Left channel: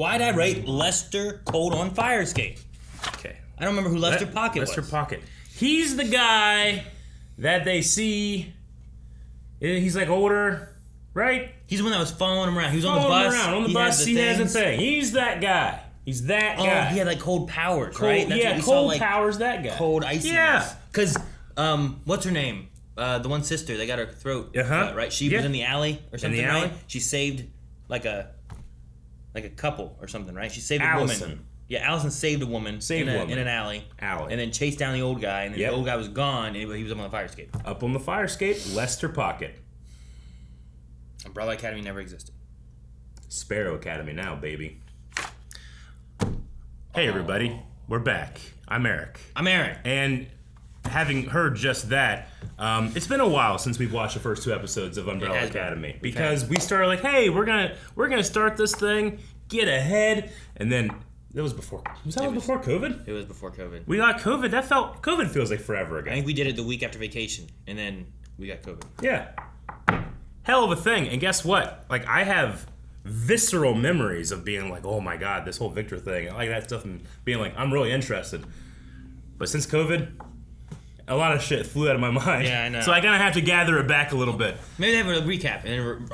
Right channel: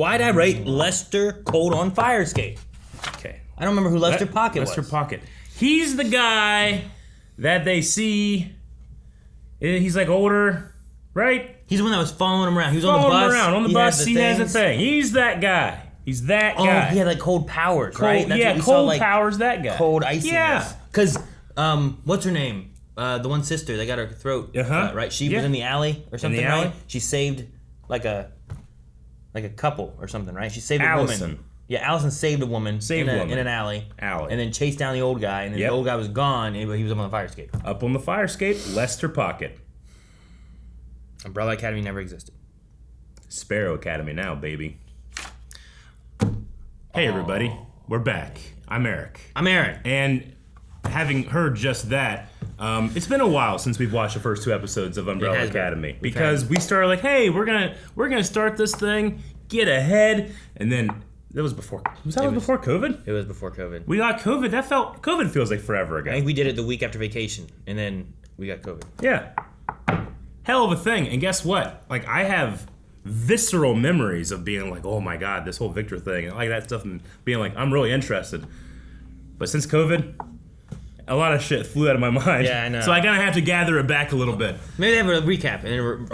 Why'd I rate Lester Cold on Fire Escape? Okay. I don't remember who Lester Pocket was. Lester Pocket. He's the guy that they see. He's like older, right? He's the one that was following him around. He was on the bus. On the bus, he has a thing. He's that guy. He's that guy. Oh, he had like cold powers, right? That's cold powers, that guy. Cold iciness. Yeah. Because, what's her name? The one sister, they got her throat cut, right? She was in the alley or something, right? She saved like a couple or something, right? She saved a woman. Yeah, Allison saved a woman in an alley. And then chased down the old guy, and then the old guy was gone, and he was up on the fire escape. Up on the fire escape, Lester Pocket. Umbrella Academy never existed. Sparrow Academy now, baby. Hey, everybody. We're back. I'm Eric. And having heard just that, it's been a while since we've watched the first 2 episodes of Umbrella Academy. Because we started like, hey, we're gonna start this thing, get ahead, and then it was before. Before COVID? It was before COVID. We got COVID. COVID feels like forever ago. I think we did it the week after vacation, and then we got COVID. Yeah. Hell of a thing. And guess what? Like, I have visceral memories of being like, oh my god, this whole Victor thing, and like that stuff, and being like, I'm really interested. But since COVID, a lot of shit flew out of my mind. Yeah, I know. So I kind of have to gather it back a little bit. Maybe they have a recap, and then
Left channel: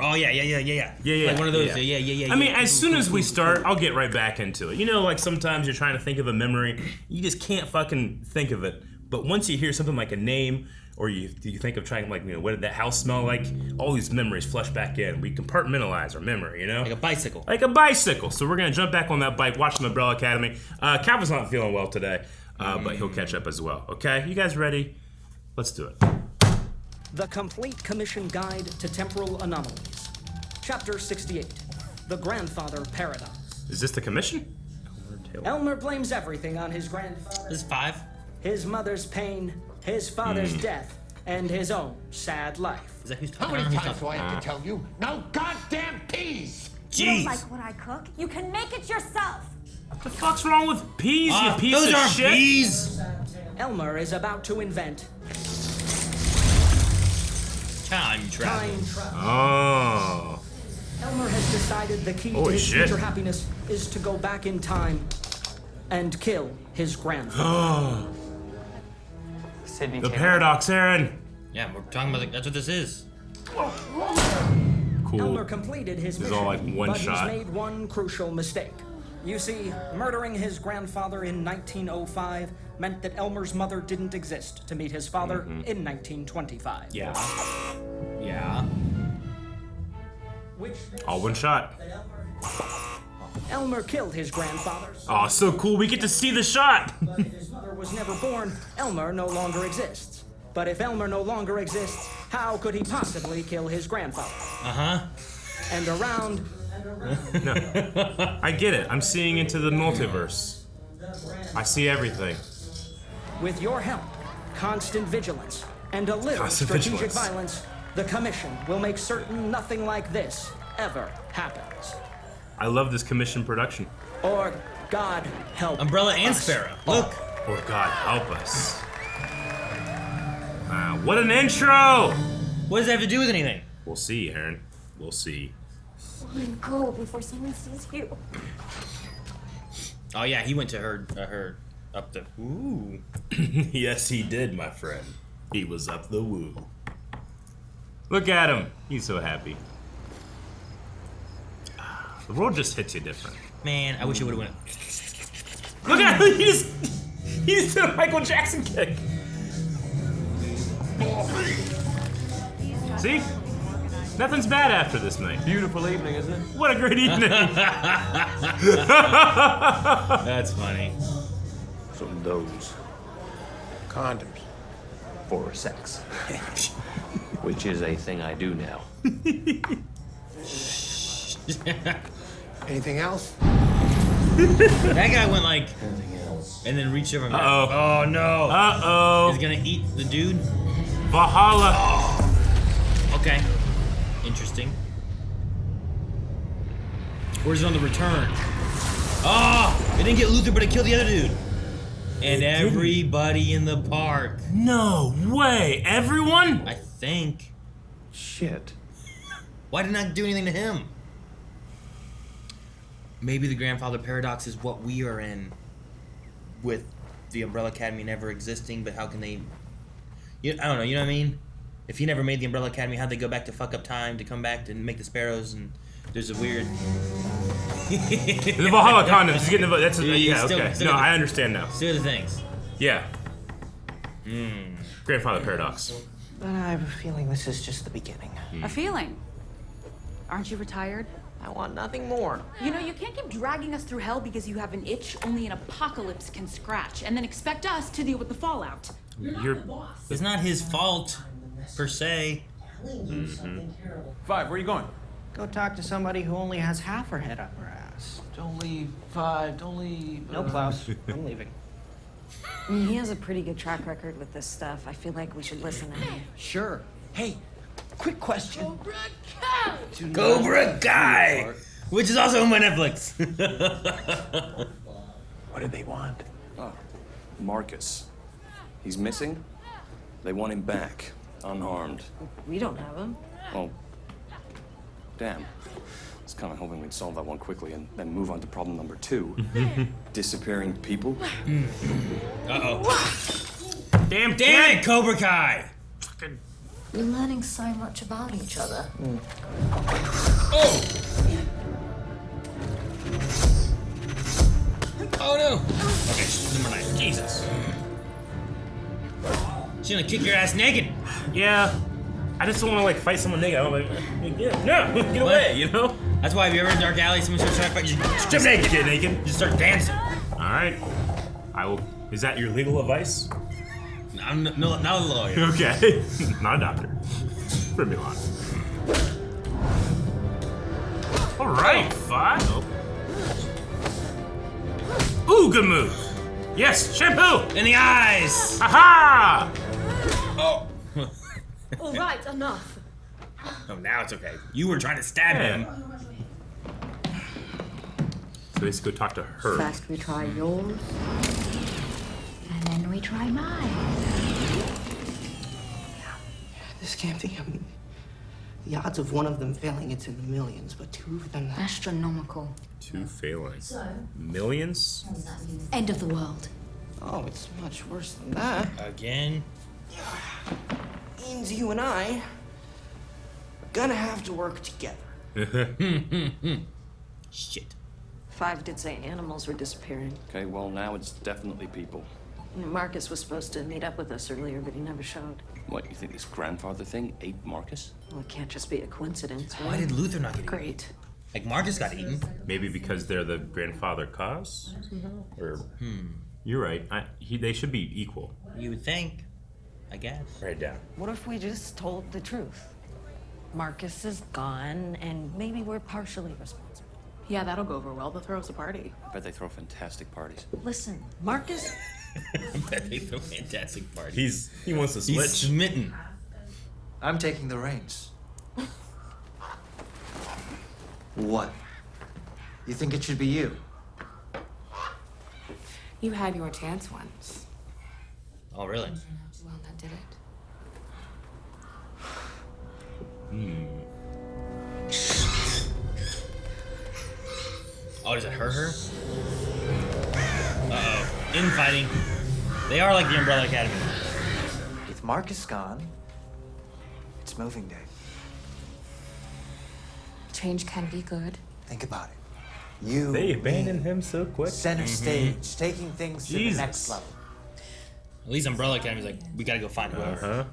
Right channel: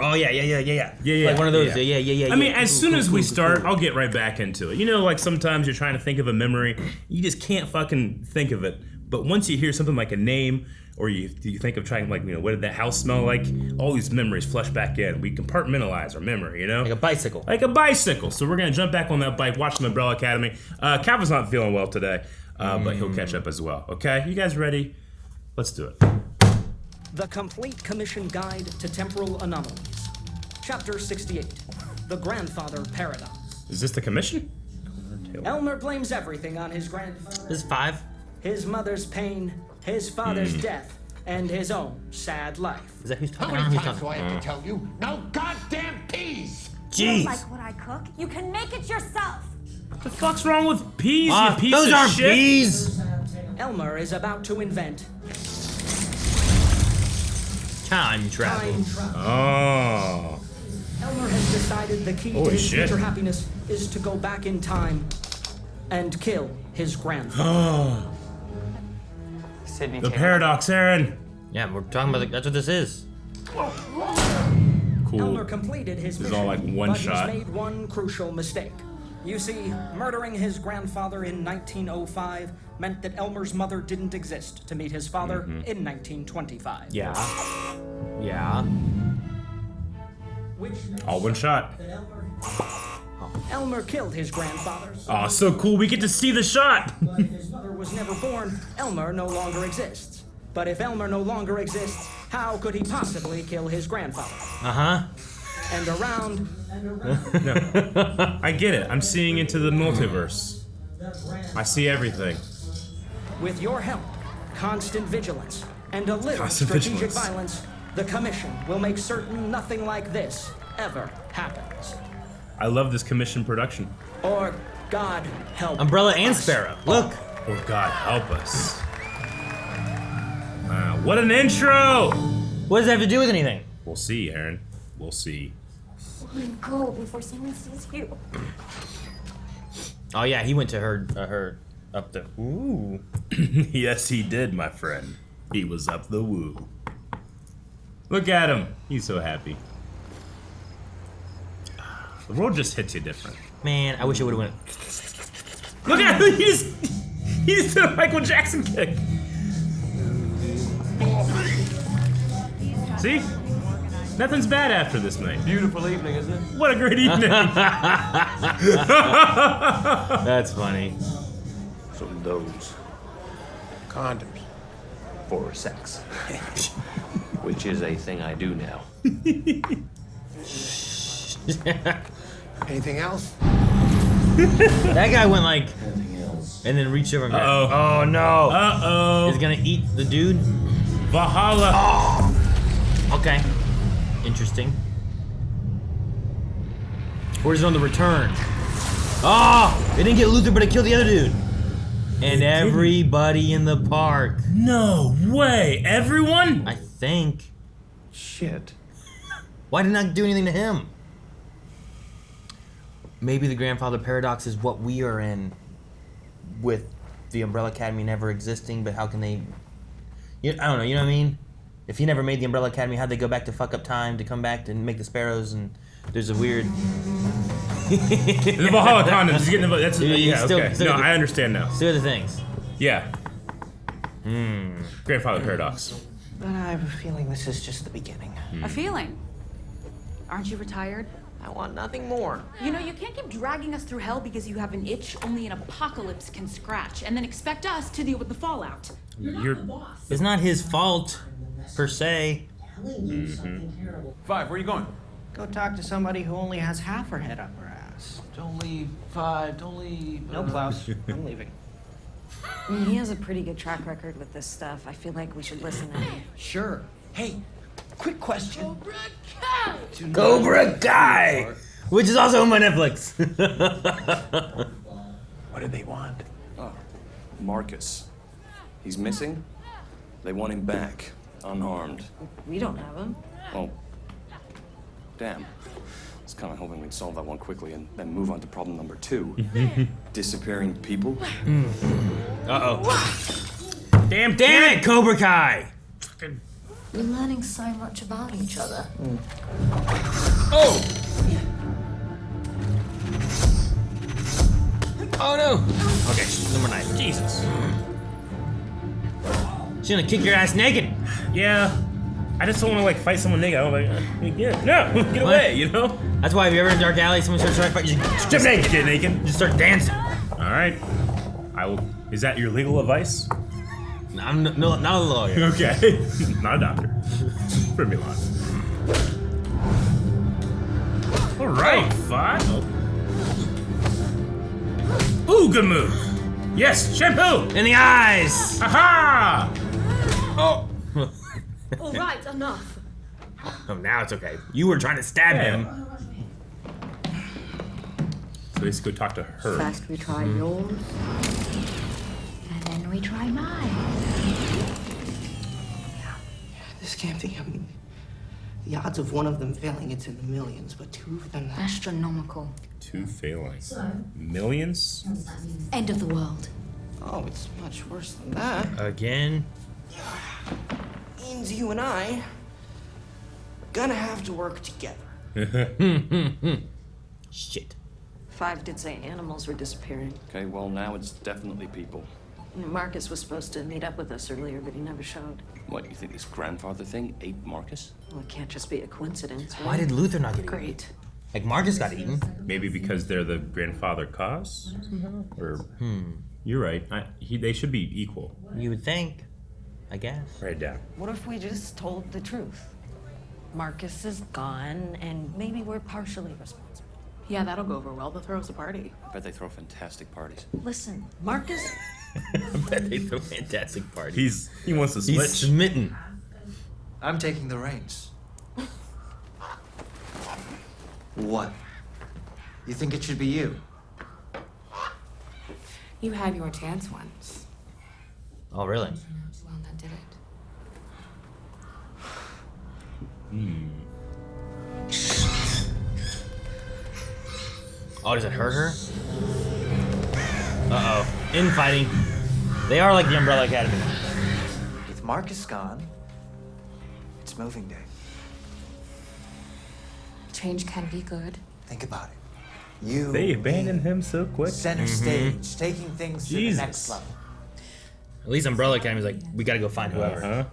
Yeah. Like one of those. Yeah. I mean, as soon as we start, I'll get right back into it. You know, like sometimes you're trying to think of a memory, you just can't fucking think of it. But once you hear something like a name, or you think of trying, like, you know, what did that house smell like? All these memories flush back in. We compartmentalize our memory, you know? Like a bicycle. So we're going to jump back on that bike, watch the Umbrella Academy. Calvin's not feeling well today, but he'll catch up as well. Okay? You guys ready? Let's do it. The Complete Commission Guide to Temporal Anomalies. Chapter 68. The Grandfather Paradox. Is this the commission? Elmer blames everything on his grandfather. This is 5. His mother's pain, his father's death, and his own sad life. Is that who's How talking? many times do I have to tell you? No goddamn peas! Jeez. You don't like what I cook? You can make it yourself. What the fuck's wrong with peas, you piece those of aren't shit? peas. Elmer is about to invent Time travel. Oh. Elmer has decided the key to Holy his shit. future happiness is to go back in time and kill his grandfather. Oh. Sydney The Taylor. paradox, Aaron. Yeah, we're talking about that's what this is. Cool. Elmer completed his was mission, all like one but shot. he's made one crucial mistake. You see, murdering his grandfather in 1905 meant that Elmer's mother didn't exist to meet his father in 1925. Yeah. Which All one shot. Elmer killed his grandfather. Oh, so cool. We get to see the shot. But if his mother was never born, Elmer no longer exists. But if Elmer no longer exists, how could he possibly kill his grandfather? And around No. I get it. I'm seeing into the multiverse. I see everything. with your help, constant vigilance, and a little Constant strategic vigilance. violence, the Commission will make certain nothing like this ever happens. I love this commission production. Or God help Umbrella and us. Sparrow. Look. Oh, God, help us. Wow, what an intro! What does that have to do with anything? We'll see, Aaron. We'll see. Woman, go before someone sees you. Oh yeah, he went to her up the. Ooh. Yes, he did, my friend. He was up the woo. Look at him. He's so happy. The world just hits you different. Man, I wish it would have went. Look at him. He just did a Michael Jackson kick. See? Nothing's bad after this night. Beautiful evening, isn't it? What a great evening. That's funny. Some of those condoms for sex, which is a thing I do now. Anything else? That guy went like, Anything else? and then reached over and Uh-oh. Oh no. Uh-oh. He's gonna eat the dude. Valhalla. Okay. Interesting. Where's on the return? Oh! They didn't get Luther, but it killed the other dude. And everybody in the park. No way. Everyone? I think. Shit. Why did it not do anything to him? Maybe the grandfather paradox is what we are in, with the Umbrella Academy never existing. But how can they? I don't know. You know what I mean? If he never made the Umbrella Academy, how'd they go back to fuck up time to come back and make the sparrows? And there's a weird. The Valhalla condoms. That's okay. No, I understand now. Still the things. Yeah. Grandfather paradox. But I have a feeling this is just the beginning. A feeling? Aren't you retired? I want nothing more. You know, you can't keep dragging us through hell because you have an itch only an apocalypse can scratch, and then expect us to deal with the fallout. It's not his fault, per se. Five, where are you going? Go talk to somebody who only has half her head up her ass. Don't leave, Five, don't leave. No, Klaus. I'm leaving. He has a pretty good track record with this stuff. I feel like we should listen to him. Sure. Hey, quick question. Cobra Kai! Cobra Kai! Which is also on my Netflix. What do they want? Oh, Marcus. He's missing? They want him back, unharmed. We don't have him. Well, damn. I was kind of hoping we'd solve that one quickly and then move on to problem number 2. Disappearing people. Uh-oh. Damn it, Cobra Kai! We're learning so much about each other. Oh! Oh no! Okay, number 9. Jesus. She's gonna kick your ass naked. Yeah. I just don't want to like fight someone naked. I'm like, yeah, get away, you know? That's why if you're ever in a dark alley, someone starts trying to fight, you just jump naked. Get naked. Just start dancing. All right. I will. Is that your legal advice? No, I'm not a lawyer. Okay. Not a doctor. For me, on. All right, Five. Ooh, good move. Yes, shampoo. In the eyes. Aha! Oh. All right, enough. Oh, now it's okay. You were trying to stab him. So let's go talk to her. First we try yours, and then we try mine. This can't be. The odds of one of them failing, it's in the millions, but 2 of them... Astronomical. 2 failing. Millions? End of the world. Oh, it's much worse than that. Again? Means you and I are gonna have to work together. Shit. 5 did say animals were disappearing. Okay, well, now it's definitely people. Marcus was supposed to meet up with us earlier, but he never showed. What, you think this grandfather thing ate Marcus? Well, it can't just be a coincidence, right? Why did Luther not get eaten? Great. Like Marcus got eaten. Maybe because they're the grandfather cause? Or, you're right. They should be equal. You would think. I guess. Write it down. What if we just told the truth? Marcus is gone, and maybe we're partially responsible. Yeah, that'll go over well. They'll throw us a party. I bet they throw fantastic parties. Listen, Marcus... I bet they throw fantastic parties. He wants to switch. He's smitten. I'm taking the reins. What? You think it should be you? You had your chance once. Oh, really? Well, that did it. Oh, does it hurt her? Uh-oh. Infighting. They are like the Umbrella Academy. With Marcus gone, it's moving day. Change can be good. Think about it. You, They abandoned him so quick. center stage, taking things to the Jesus. next level. At least Umbrella Academy's like, we gotta go find whoever. Uh-huh.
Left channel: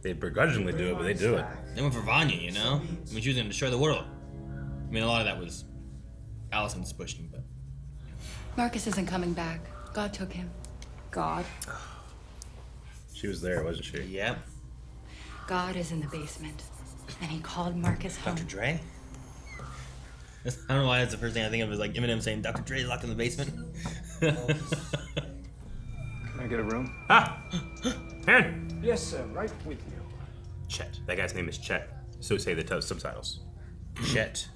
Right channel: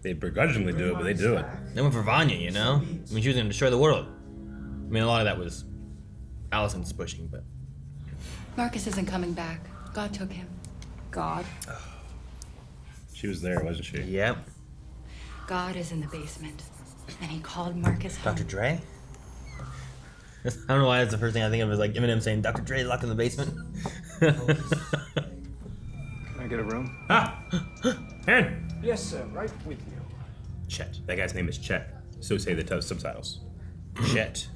They begrudgingly do it, but they do it. They went for Vanya, you know? I mean, she was gonna destroy the world. I mean, a lot of that was Allison's pushing, but... Marcus isn't coming back. God took him. God. She was there, wasn't she? Yep. God is in the basement. And he called Marcus home. Dr. Dre? I don't know why that's the first thing I think of is like Eminem saying Dr. Dre is locked in the basement. Can I get a room? Ah! Hey! Yes, sir. Right with you. Chet. That guy's name is Chet. So say the subtitles. Chet.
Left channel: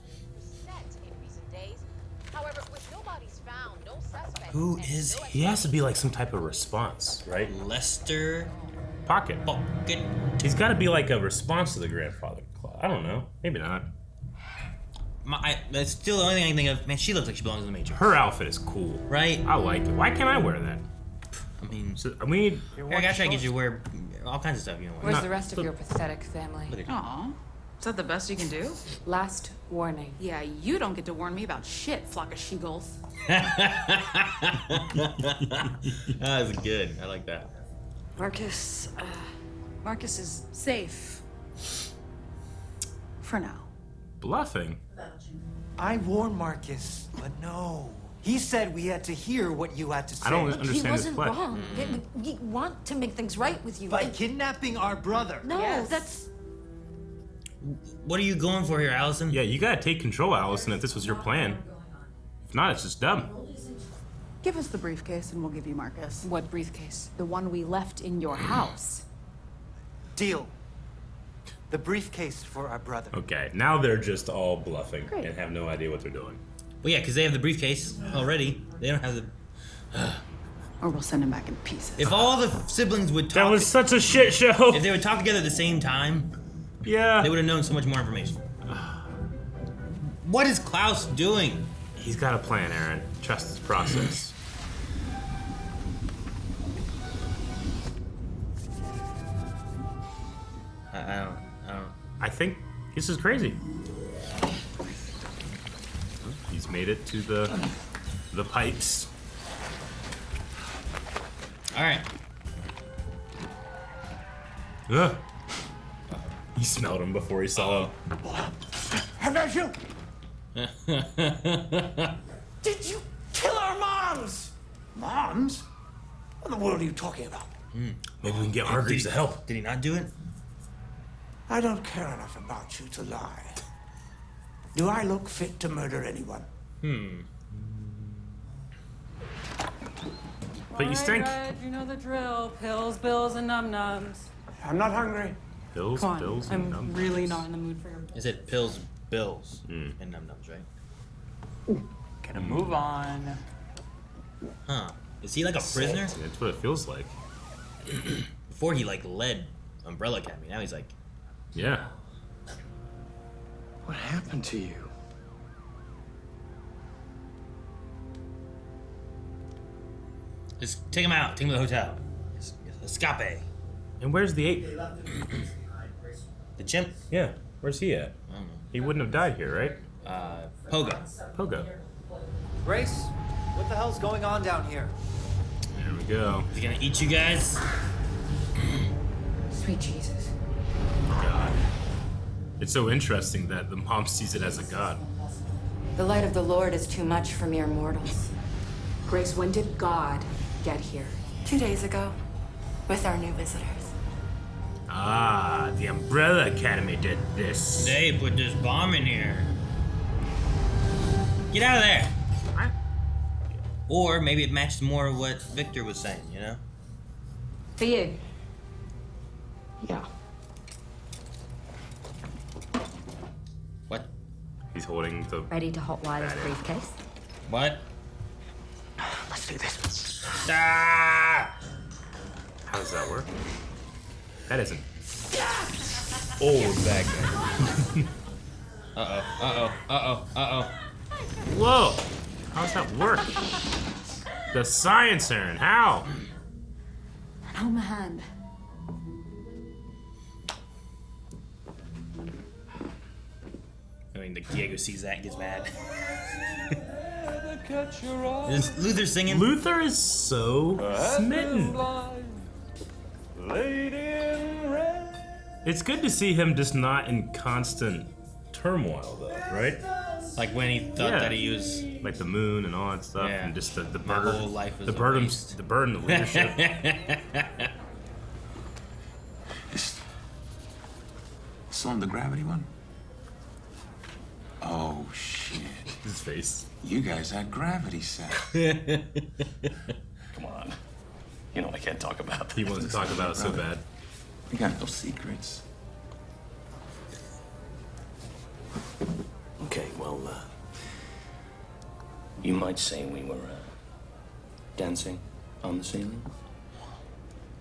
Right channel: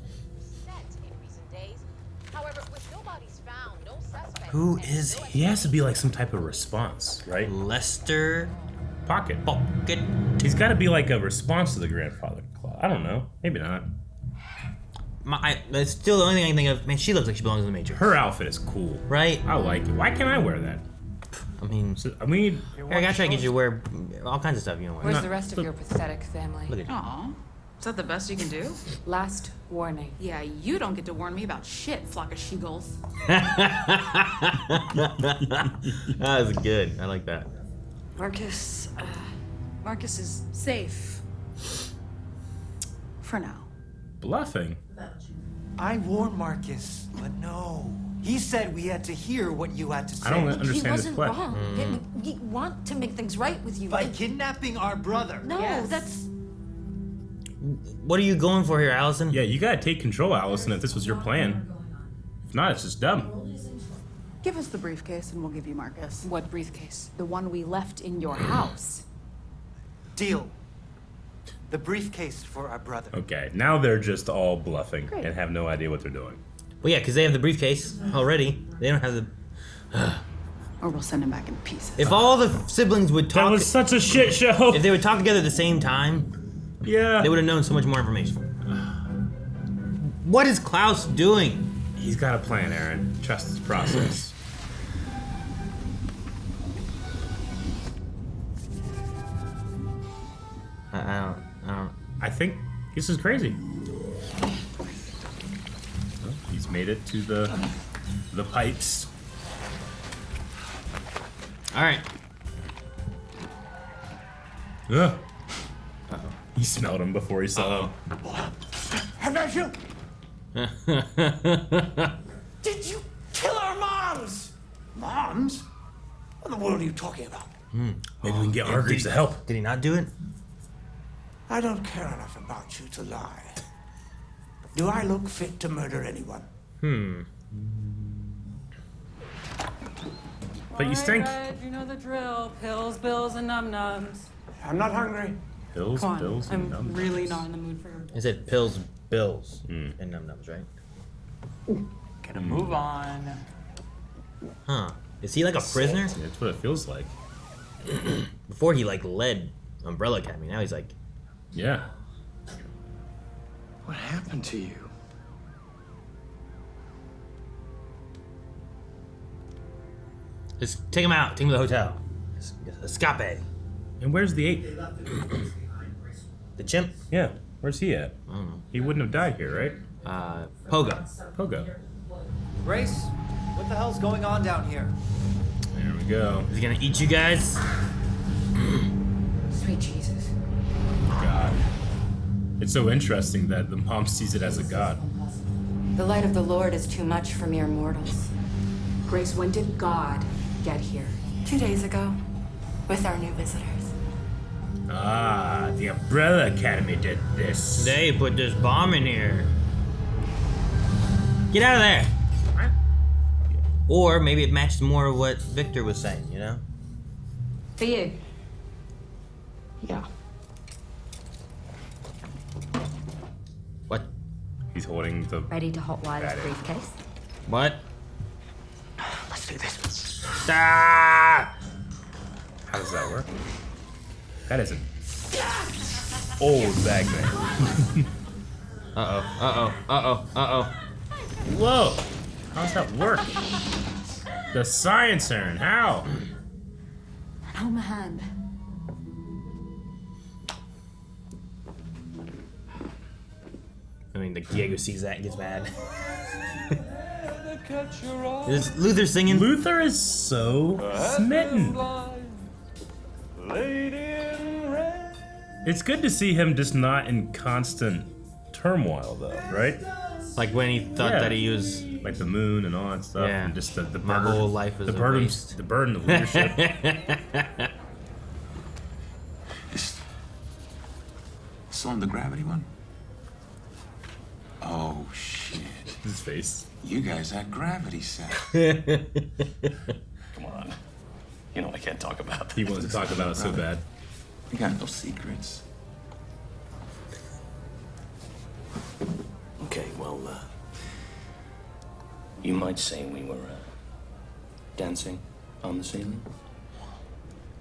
Who is he? He has to be like some type of response, right? Lester Pocket. Pocket. He's got to be like a response to the grandfather claw. I don't know. Maybe not. That's still the only thing I can think of. Man, she looks like she belongs in the Matrix. Her outfit is cool. Right? I like it. Why can't I wear that? I mean, I gotta try to get you to wear all kinds of stuff you don't wear. Where's the rest of your pathetic family? Aw. Is that the best you can do? Last warning. Yeah, you don't get to warn me about shit, flock of she-gulls. That was good. I like that. Marcus is safe. For now. Bluffing. I warned Marcus, but no. He said we had to hear what you had to say. I don't understand He this wasn't play. wrong. We want to make things right with you. By kidnapping our brother. No, Yes. that's... What are you going for here, Allison? Yeah, you gotta take control, Allison, if this was your plan. If not, it's just dumb. Give us the briefcase and we'll give you Marcus. What briefcase? The one we left in your house. Deal. The briefcase for our brother. Okay, now they're just all bluffing Great. and have no idea what they're doing. Well, yeah, because they have the briefcase already. They don't have the... Or we'll send him back in pieces. If all the siblings would talk... That was such a shit show. If they would talk together at the same time, Yeah. they would have known so much more information. What is Klaus doing? He's got a plan, Aaron. Trust his process. I don't... I think this is crazy. He's made it to the pipes. All right. He smelled him before he saw him. Have at you! Did you kill our moms? Moms? What in the world are you talking about? Maybe we can get Hargreaves to help. Did he not do it? I don't care enough about you to lie. Do I look fit to murder anyone? But you stink. Right, you know the drill. Pills, bills, and num-nums. I'm not hungry. Pills, Come on, bills, I'm and numbers. really not in the mood for your... I said pills, bills, and num-nums, right? Gonna move on. Huh. Is he like a prisoner? That's what it feels like. Before he like led Umbrella Academy, now he's like... Yeah. What happened to you? Just take him out. Take him to the hotel. Escape. And where's the ape? The chimp? Yeah. Where's he at? I don't know. He wouldn't have died here, right? Pogo. Pogo. Grace, what the hell's going on down here? Here we go. Is he gonna eat you guys? Sweet Jesus. God. It's so interesting that the mom sees it as a god. The light of the Lord is too much for mere mortals. Grace, when did God get here? 2 days ago, with our new visitors. Ah, the Umbrella Academy did this. They put this bomb in here. Get out of there. Or maybe it matched more of what Victor was saying, you know? For you. Yeah. What? He's holding the... Ready to hotwire this briefcase? What? Let's do this. Ah! How does that work? That isn't... old bag man. Uh-oh, uh-oh, uh-oh, uh-oh. Whoa! How does that work? The science, Aaron. How? Hold my hand. I mean, the Diego sees that and gets mad. Is Luther singing? Luther is so smitten. It's good to see him just not in constant turmoil, though, right? Like when he thought that he was... Like the moon and all that stuff, Yeah. and just the My burden, whole life is the a burden, waste. the burden of leadership. Still on the gravity one? Oh, shit. His face. You guys had gravity set. Come on. You know I can't talk about that. He wants to talk about it so bad. We got no secrets. Okay, well, you might say we were dancing on the ceiling.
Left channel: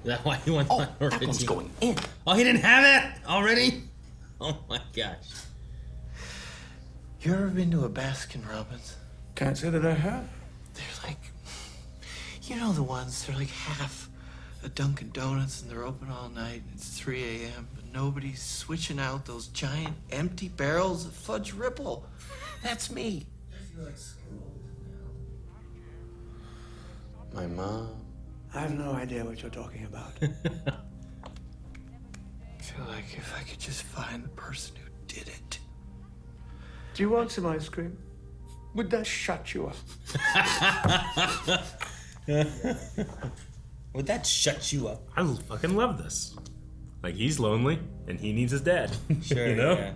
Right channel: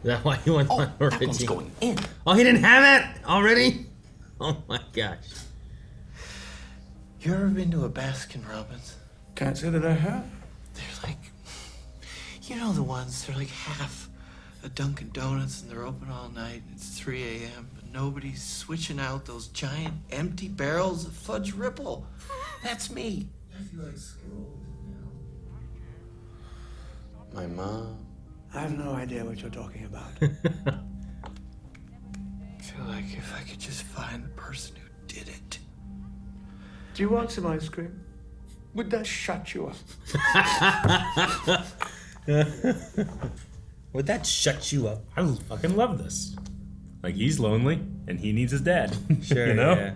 Is that why you went on That one's going in. Oh, he didn't have it already? Oh my gosh. You ever been to a Baskin Robbins? Can't say that I have. They're like, you know the ones, they're like half a Dunkin' Donuts and they're open all night. It's 3 a.m., but nobody's switching out those giant empty barrels of Fudge Ripple. That's me. I feel like screwed now. My mom. I have no idea what you're talking about. I feel like if I could just find the person who did it. Do you want some ice cream? Would that shut you up? Would that shut you up? I fucking love this. Like, he's lonely, and he needs his dad. Sure, you know? Yeah.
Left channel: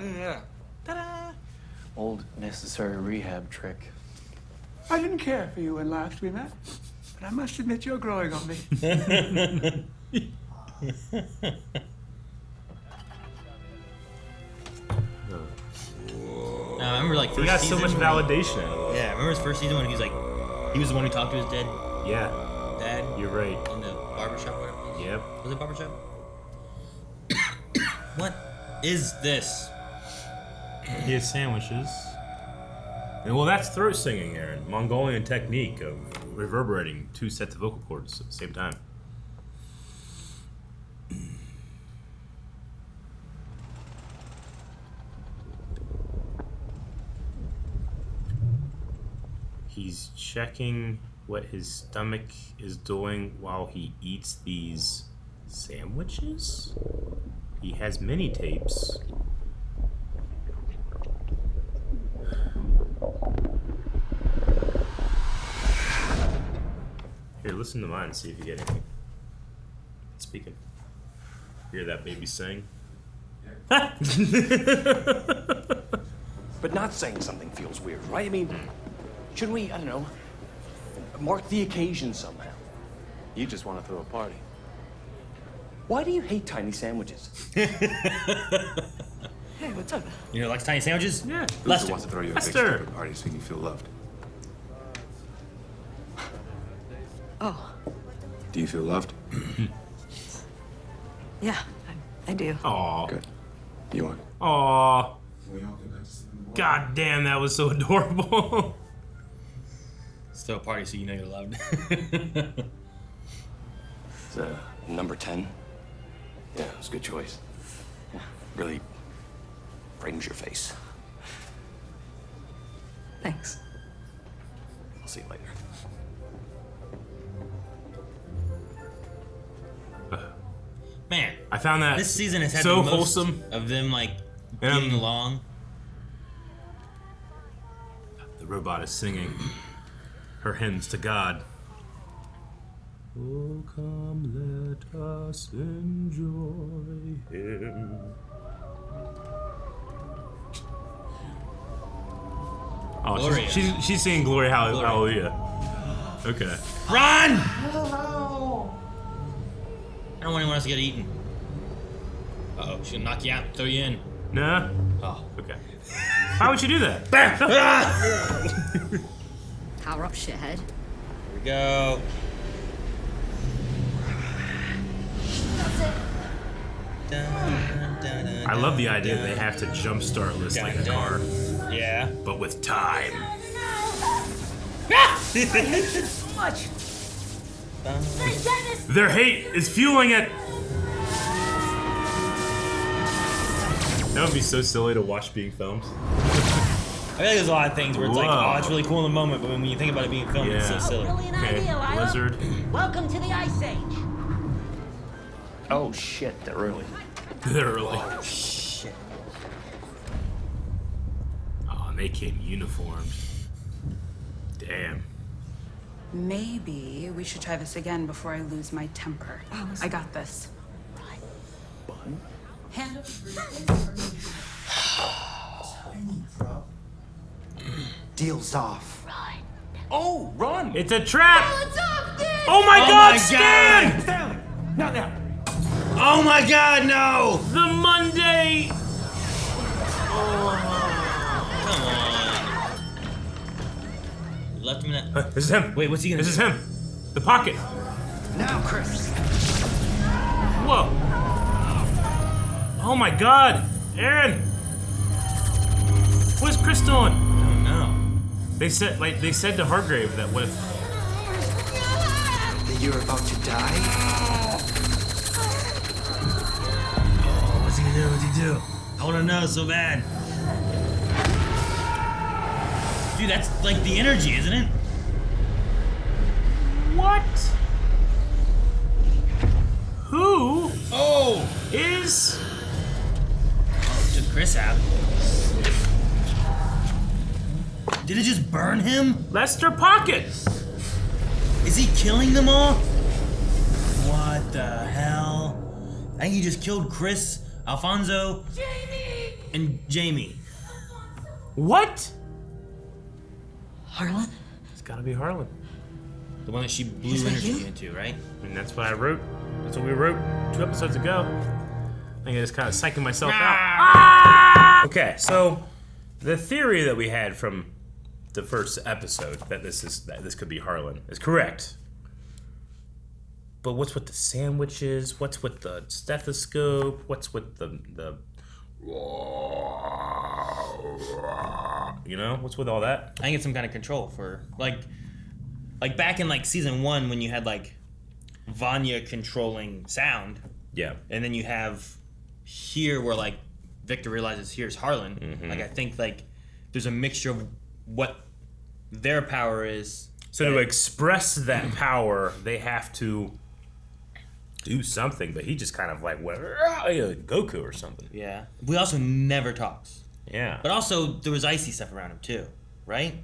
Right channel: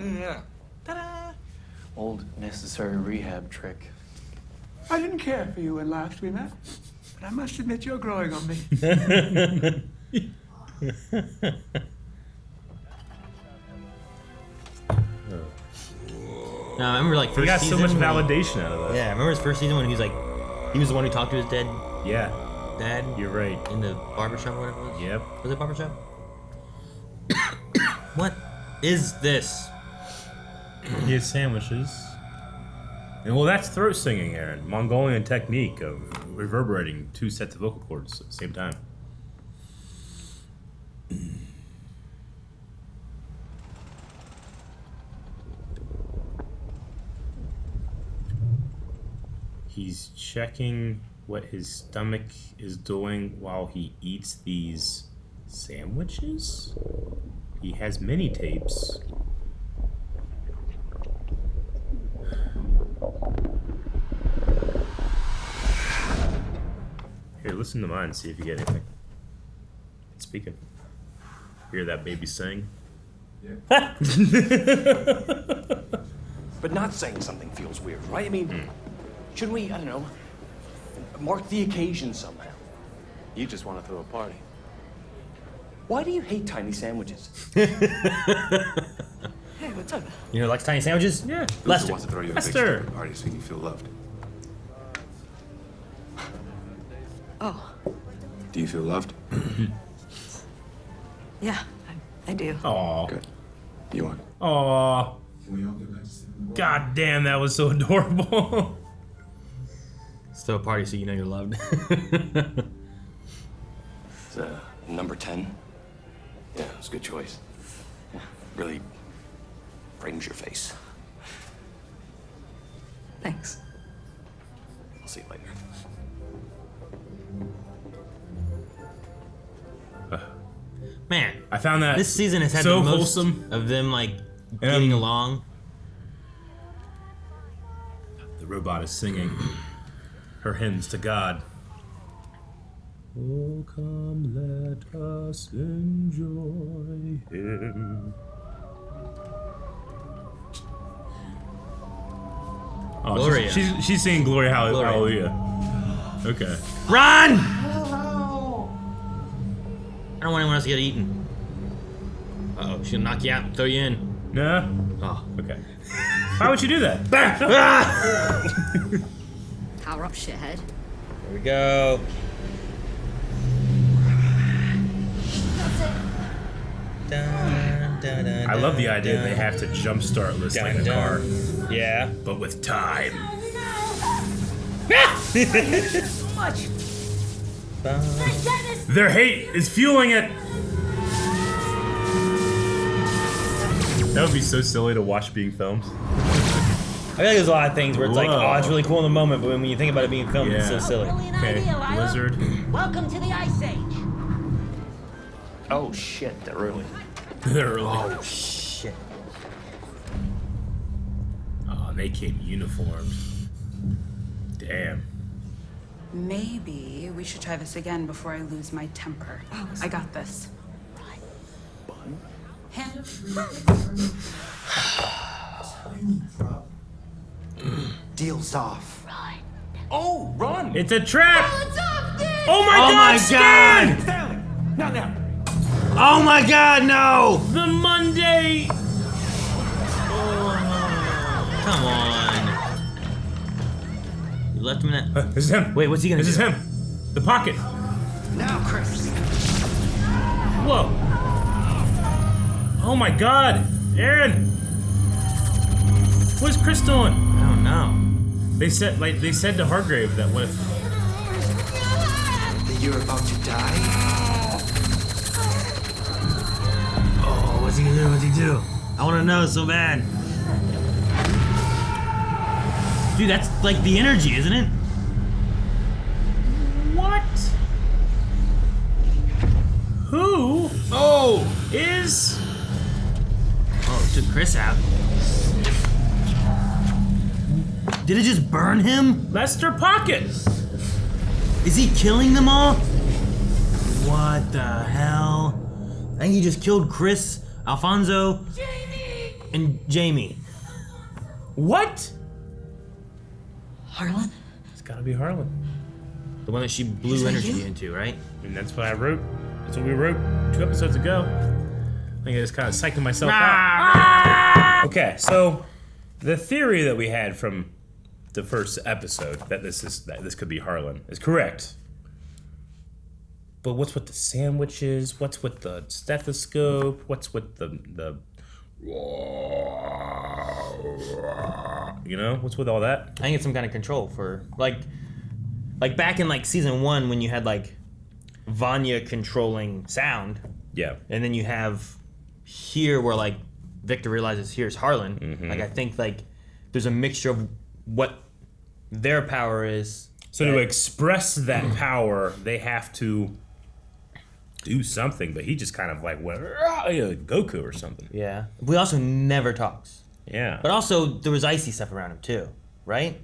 Yeah. Ta-da! Old necessary rehab trick. I didn't care for you when last we met, but I must admit you're growing on me. No, I remember like first he got season so much when validation out of that. Yeah, I remember his first season when he was like, he was the one who talked to his dad. Yeah. Dad. You're right. In the barbershop, or whatever it was. Yep. Was it barbershop? What is this? He has sandwiches. And well, that's throat singing, Aaron. Mongolian technique of reverberating 2 sets of vocal cords at the same time. He's checking what his stomach is doing while he eats these sandwiches? He has mini tapes. Here, listen to mine and see if you get anything. It's speaking. Hear that baby sing? Yeah. But not saying something feels weird, right? I mean, shouldn't we, I don't know, mark the occasion somehow? You just want to throw a party. Why do you hate tiny sandwiches? Hey, what's up? You know, likes tiny sandwiches? Yeah. Lester wants to throw you a big Lester. stupid party so you feel loved. Oh, Do you feel loved? yeah, I do. Aw. Good. You want? Aw. God damn, that was so adorable. Still a party so you know you're loved. It's number 10. Yeah, it's a good choice. Yeah, really frames your face. Thanks. I'll see you later. Man, I found that this season has had so the most wholesome of them like getting along. The robot is singing her hymns to God. Oh, come, let us enjoy Him. Oh, Gloria. she's singing Gloria, Hallelujah. Okay. Run! I don't want anyone else to get eaten. Uh-oh, she's gonna knock you out and throw you in. Nah. Oh, okay. How would you do that? Power up, shithead. Here we go. I love the idea that they have to jumpstart listening in the car. Yeah. But with time. I hate this so much. Their hate is fueling it. That would be so silly to watch being filmed. I feel like there's a lot of things where it's like, oh, it's really cool in the moment, but when you think about it being filmed, it's so silly. Brilliant idea, Lila. Lizard. Welcome to the Ice Age. Oh shit, they're early. They're early. Oh shit. Oh, and they came uniformed. Damn. Maybe we should try this again before I lose my temper. I got this. Bun? Hand. Deal's off. Oh, run! It's a trap! Oh my god, Stan! Stanley! Not now! Oh my god, no! The Monday! Come on. You left him in that. This is him. Wait, what's he gonna This do? is him. The pocket. Now, Chris! Whoa. Oh my god. Aaron. What's Chris doing? I don't know. They said to Hargrave that That you're about to die? Oh, what's he gonna do? What's he do? I wanna know so bad. Dude, that's like the energy, isn't it? What? Who? Oh! Is... Oh, took Chris out. Did it just burn him? Lester Pocket! Is he killing them all? What the hell? I think he just killed Chris, Alfonso, Jamie! And Jamie. What? Harlan? It's gotta be Harlan. The one that she blew energy into, right? I mean, that's what I wrote. That's what we wrote 2 episodes ago. I think I just kind of psyching myself out. Okay, so the theory that we had from the first episode that this could be Harlan is correct. But what's with the sandwiches? What's with the stethoscope? What's with the you know, what's with all that? I think it's some kind of control for like back in like season 1 when you had like Vanya controlling sound. Yeah. And then you have here where like Victor realizes here's Harlan. Mm-hmm. Like I think like there's a mixture of what their power is. So to express that power, they have to do something, but he just kind of like went Goku or something. Yeah. We also never talks. Yeah. But also there was icy stuff around him too, right?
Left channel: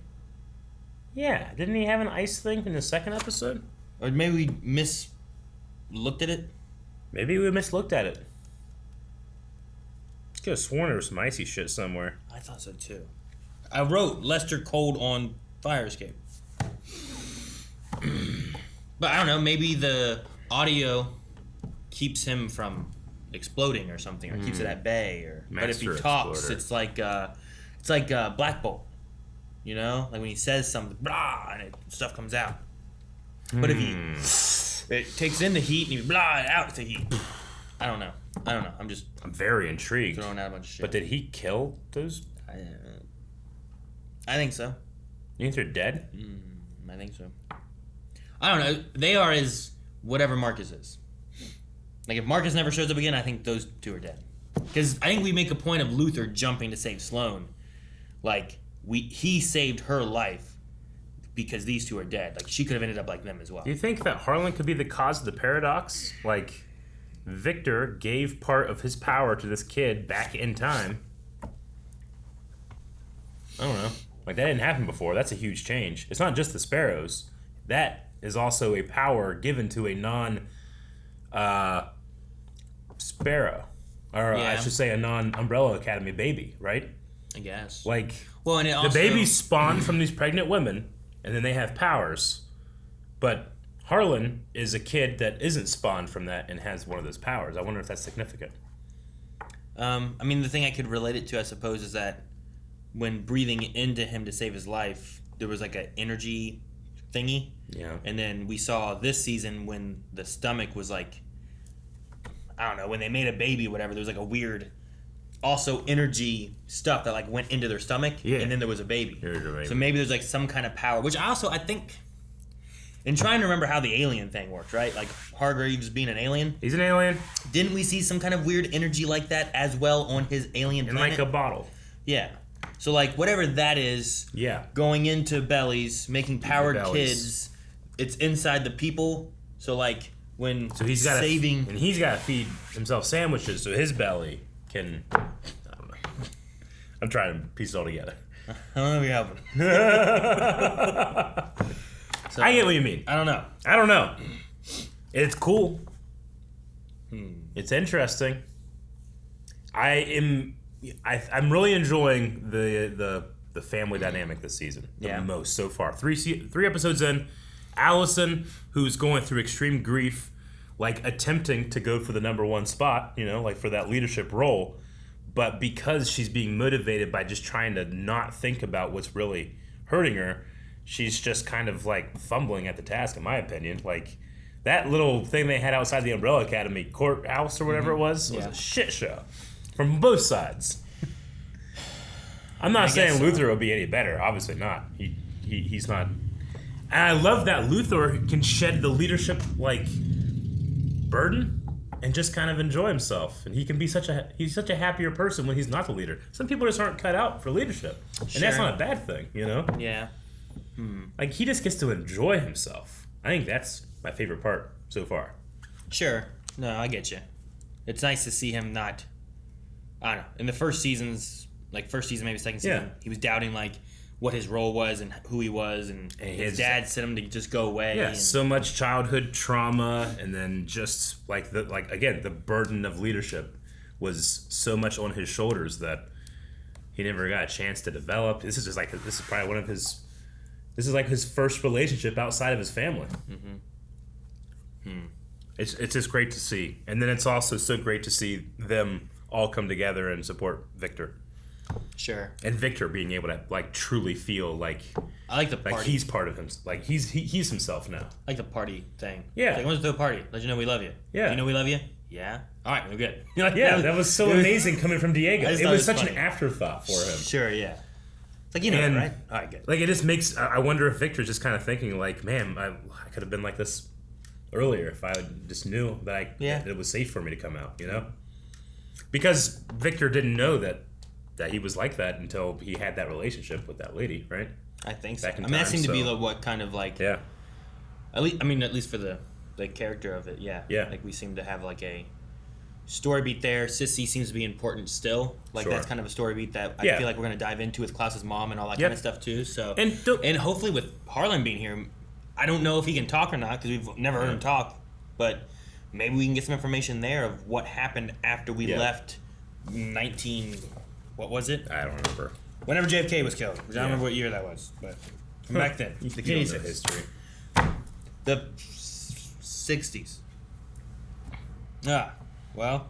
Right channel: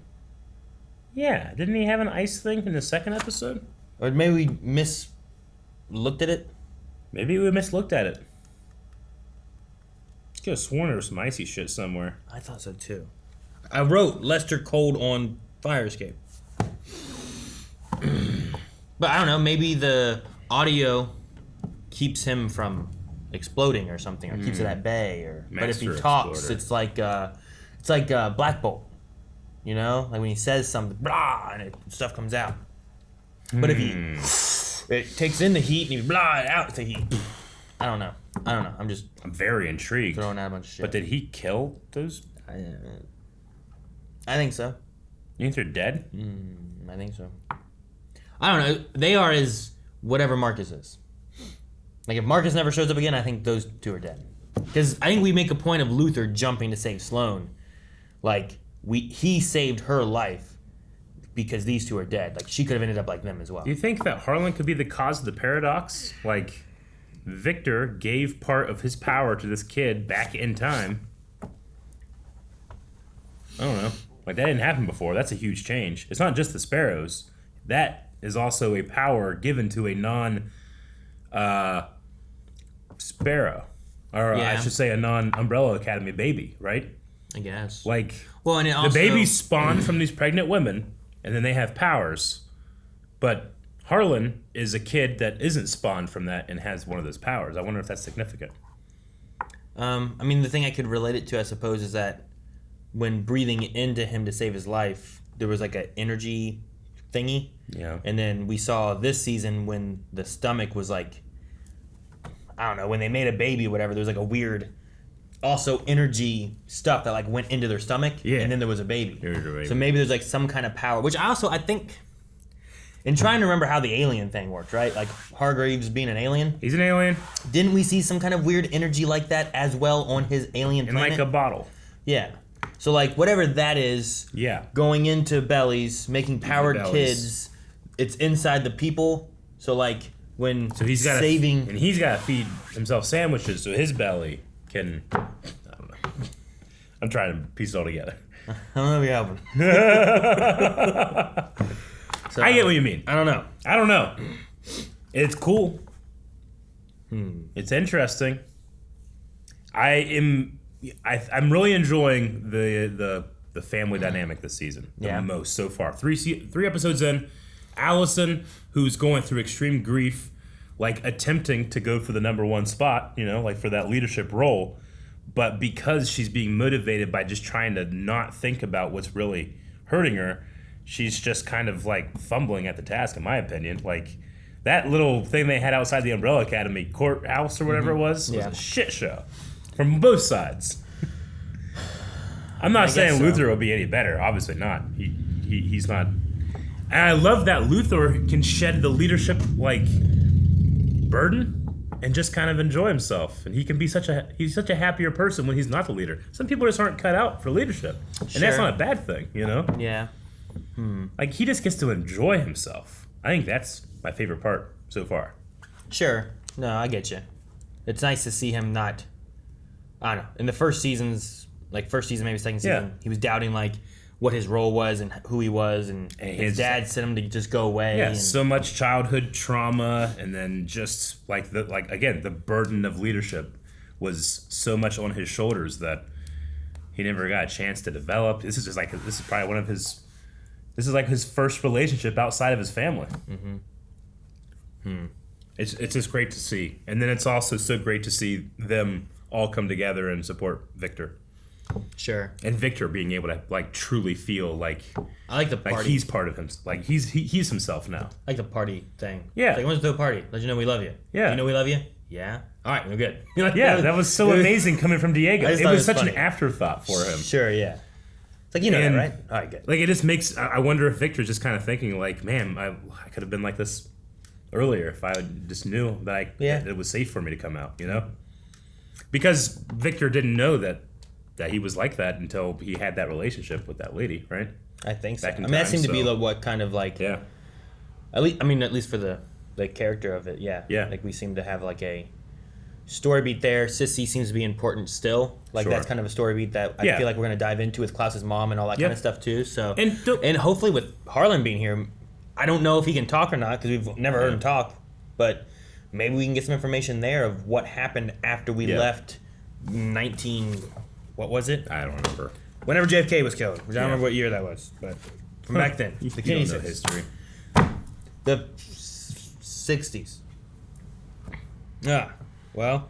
Yeah. Didn't he have an ice thing in the second episode? Or maybe we looked at it? Maybe we mislooked at it. I could have sworn there was some icy shit somewhere. I thought so too. I wrote Lester cold on fire escape. But I don't know, maybe the audio keeps him from exploding or something, or keeps it at bay, or but if he talks, it's like Black Bolt, you know, like when he says something, blah, and stuff comes out. But if it takes in the heat and he blah it out the heat. I don't know. I'm very intrigued. Throwing out a bunch of shit. But did he kill those? I think so. You think they're dead? I think so. I don't know. They are as whatever Marcus is. Like if Marcus never shows up again, I think those two are dead. Because I think we make a point of Luther jumping to save Sloane. Like he saved her life because these two are dead. Like she could have ended up like them as well. Do you think that Harlan could be the cause of the paradox? Like Victor gave part of his power to this kid back in time. I don't know. Like that didn't happen before. That's a huge change. It's not just the sparrows. That is also a power given to a non-sparrow. Or I should say a non-Umbrella Academy baby, right? I guess. Like, well, and it also, the babies spawn from these pregnant women, and then they have powers. But Harlan is a kid that isn't spawned from that and has one of those powers. I wonder if that's significant. I mean, the thing I could relate it to, I suppose, is that when breathing into him to save his life, there was like an energy thingy. Yeah. And then we saw this season when the stomach was like, I don't know, when they made a baby or whatever, there was like a weird, also energy stuff that like went into their stomach. Yeah. And then there was a baby. So maybe there's like some kind of power, which I think, in trying to remember how the alien thing worked, right? Like Hargraves being an alien. He's an alien. Didn't we see some kind of weird energy like that as well on his alien planet? In like a bottle. Yeah. So like whatever that is, going into bellies, making powered kids, it's inside the people. So like when he's got saving, and he's got to feed himself sandwiches so his belly can. I don't know. I'm trying to piece it all together. So, I get what you mean. I don't know. It's cool. It's interesting. I'm really enjoying the family dynamic this season the most so far. Three episodes in, Allison, who's going through extreme grief, like attempting to go for the #1 spot, you know, like for that leadership role, but because she's being motivated by just trying to not think about what's really hurting her, she's just kind of like fumbling at the task, in my opinion. Like that little thing they had outside the Umbrella Academy courthouse or whatever it was a shit show from both sides. I'm not saying Luther will be any better. Obviously not. He's not. And I love that Luther can shed the leadership burden and just kind of enjoy himself. And he can be such a happier person when he's not the leader. Some people just aren't cut out for leadership, and that's not a bad thing, you know. Yeah. Like he just gets to enjoy himself. I think that's my favorite part so far. Sure. No, I get you. It's nice to see him not. I don't know. In the first seasons, first season, maybe second season, he was doubting what his role was and who he was, and his dad sent him to just go away. Yeah, so much childhood trauma, and then just again, the burden of leadership was so much on his shoulders that he never got a chance to develop. This is probably one of his. This is his first relationship outside of his family. It's just great to see, and then it's also so great to see them all come together and support Victor. Sure. And Victor being able to truly feel I like the party. He's part of him. He's himself now. I like the party thing. Yeah. Why don't you throw a party? Let you know we love you. Yeah. You know we love you? Yeah. All right, we're good. Yeah, that was so amazing coming from Diego. It was such an afterthought for him. Sure, yeah. It's that, right? All right, good. It just makes. I wonder if Victor's just kind of thinking man, I could have been like this earlier if I just knew that it was safe for me to come out, you know? Because Victor didn't know that he was like that until he had that relationship with that lady, right? I think so. That seemed to be what kind of yeah. At least for the character of it, yeah. Yeah. We seem to have a story beat there. Sissy seems to be important still. Sure. That's kind of a story beat that I feel like we're going to dive into with Klaus's mom and all that kind of stuff too. So and hopefully with Harlan being here, I don't know if he can talk or not because we've never heard him talk, but maybe we can get some information there of what happened after we left 19. What was it? I don't remember. Whenever JFK was killed. I don't remember what year that was, but from back then. The Kennedy history. The 60s. Well,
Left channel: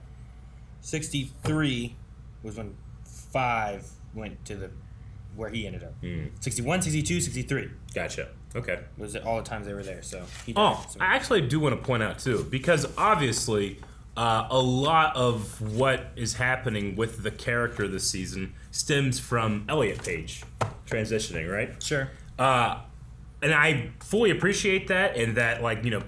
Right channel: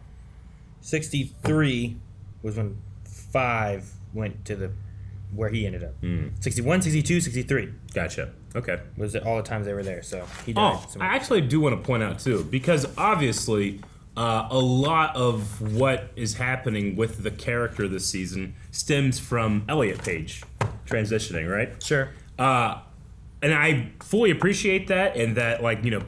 63 was when 5 went to where he ended up. 61, 62, 63. Gotcha. Okay. Was all the times they were there, so he died. I actually do want to point out, too, because obviously a lot of what is happening with the character this season stems from Elliot Page transitioning, right? Sure. And I fully appreciate that, and that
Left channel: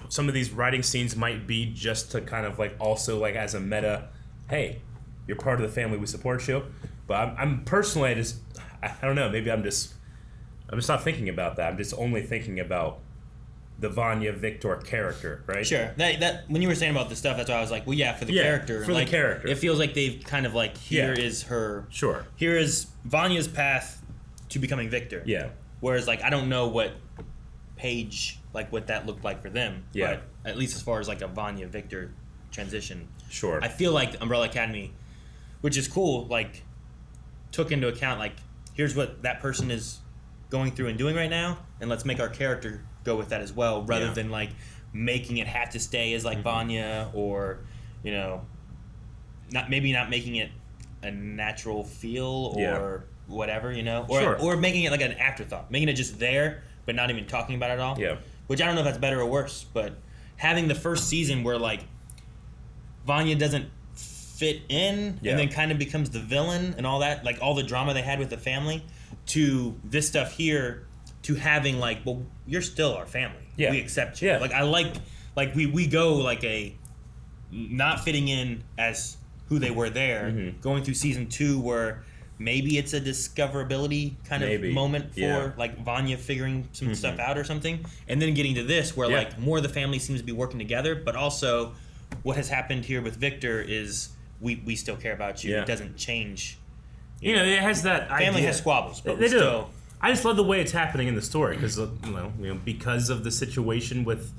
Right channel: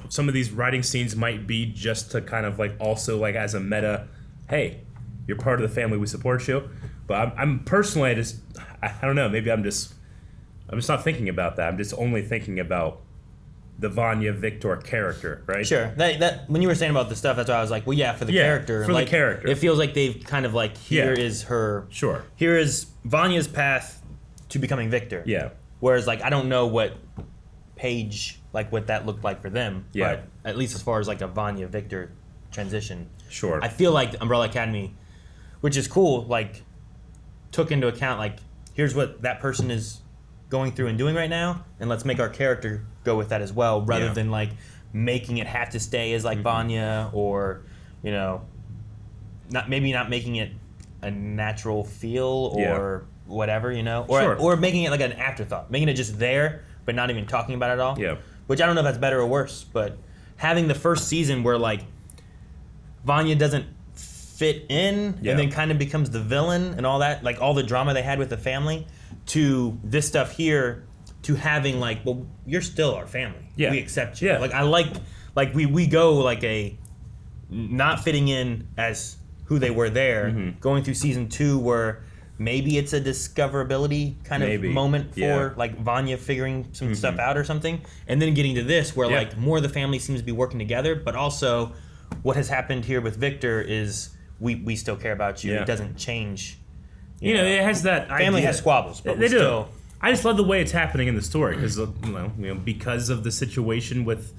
some of these writing scenes might be just to kind of also as a meta, hey, you're part of the family, we support you. But I'm personally I don't know, maybe I'm just not thinking about that. I'm just only thinking about the Vanya Victor character, right? Sure. That when you were saying about the stuff, that's why I was like, well, yeah, for the character. For the character. It feels like they've kind of here is her. Sure. Here is Vanya's path to becoming Victor. Yeah. Whereas I don't know what Paige what that looked like for them. Yeah. But at least as far as a Vanya Victor transition. Sure. I feel like Umbrella Academy, which is cool, took into account here's what that person is going through and doing right now, and let's make our character go with that as well, rather than making it have to stay as Vanya, or not making it a natural feel or whatever, or making it an afterthought, making it just there but not even talking about it at all. Yeah. Which I don't know if that's better or worse, but having the first season where Vanya doesn't fit in and then kind of becomes the villain and all that, all the drama they had with the family, to this stuff here, to having well, you're still our family. Yeah. We accept you. Yeah. We go a not fitting in as who they were there, going through season 2 where maybe it's a discoverability kind of moment for Vanya figuring some stuff out or something, and then getting to this where more of the family seems to be working together, but also what has happened here with Victor is we still care about you. It doesn't change. You know, it has that family idea. has squabbles, but they do. still. I just love the way it's happening in the story because because of the situation with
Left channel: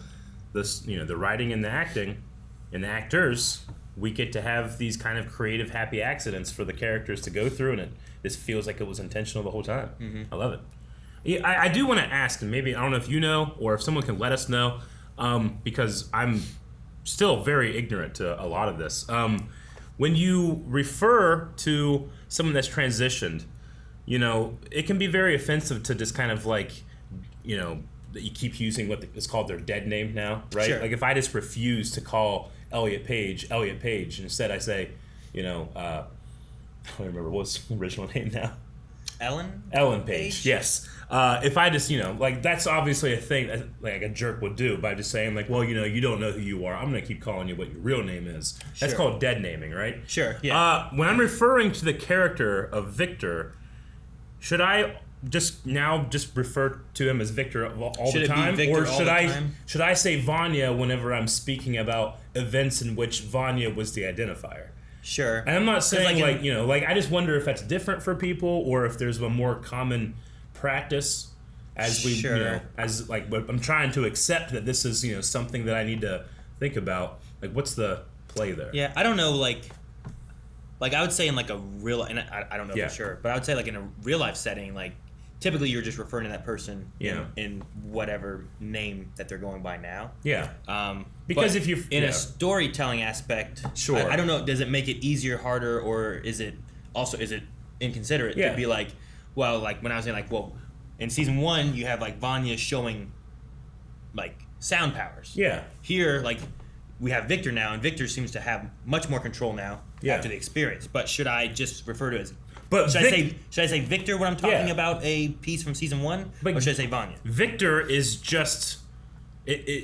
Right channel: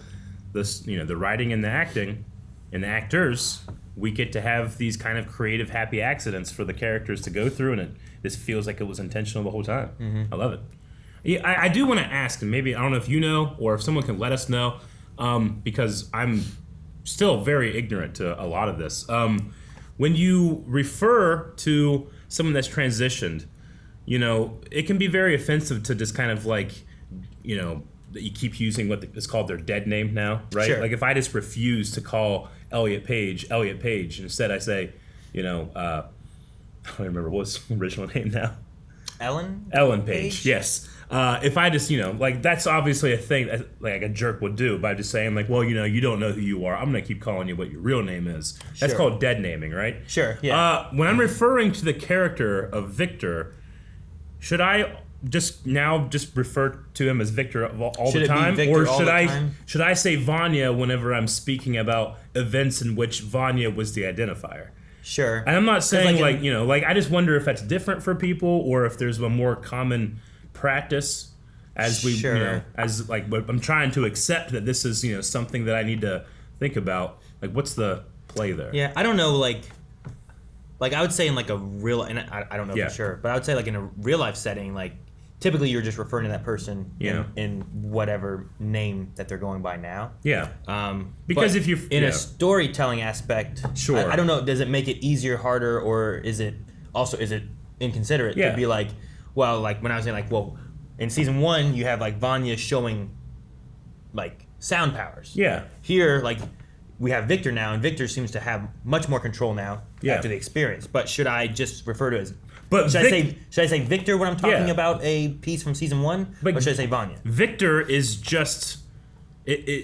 this, the writing and the acting and the actors, we get to have these kind of creative, happy accidents for the characters to go through, and it just feels like it was intentional the whole time. I love it. Yeah, I do want to ask, and maybe I don't know if you know or if someone can let us know, because I'm still very ignorant to a lot of this. When you refer to someone that's transitioned, it can be very offensive to just kind of that you keep using what is called their dead name now, right? Sure. If I just refuse to call Elliot Page, and instead I say, I don't remember what's his original name now. Ellen Page, yes. If I just, like, that's obviously a thing that, like, a jerk would do by just saying, like, well, you don't know who you are. I'm going to keep calling you what your real name is. That's called dead naming, right? Sure, yeah. When I'm referring to the character of Victor, should I just refer to him as Victor all the time? Or should I say Vanya whenever I'm speaking about events in which Vanya was the identifier? Sure. And I'm not saying, I just wonder if that's different for people or if there's a more common practice as we, I'm trying to accept that this is, something that I need to think about. Like, what's the play there? Yeah, I don't know, like I would say in like a real, and I don't know for sure, but I would say like in a real life setting, like typically you're just referring to that person in whatever name that they're going by now. Yeah. Because if you in a storytelling aspect, sure. I don't know, does it make it easier, harder, or is it inconsiderate to be like, well, like when I was saying like, well, in season 1 you have like Vanya showing like sound powers. Yeah. Here, like we have Victor now, and Victor seems to have much more control now after the experience. But should I just refer to it as? But should I say Victor when I'm talking about a piece from season 1, or should I say Vanya? Victor is just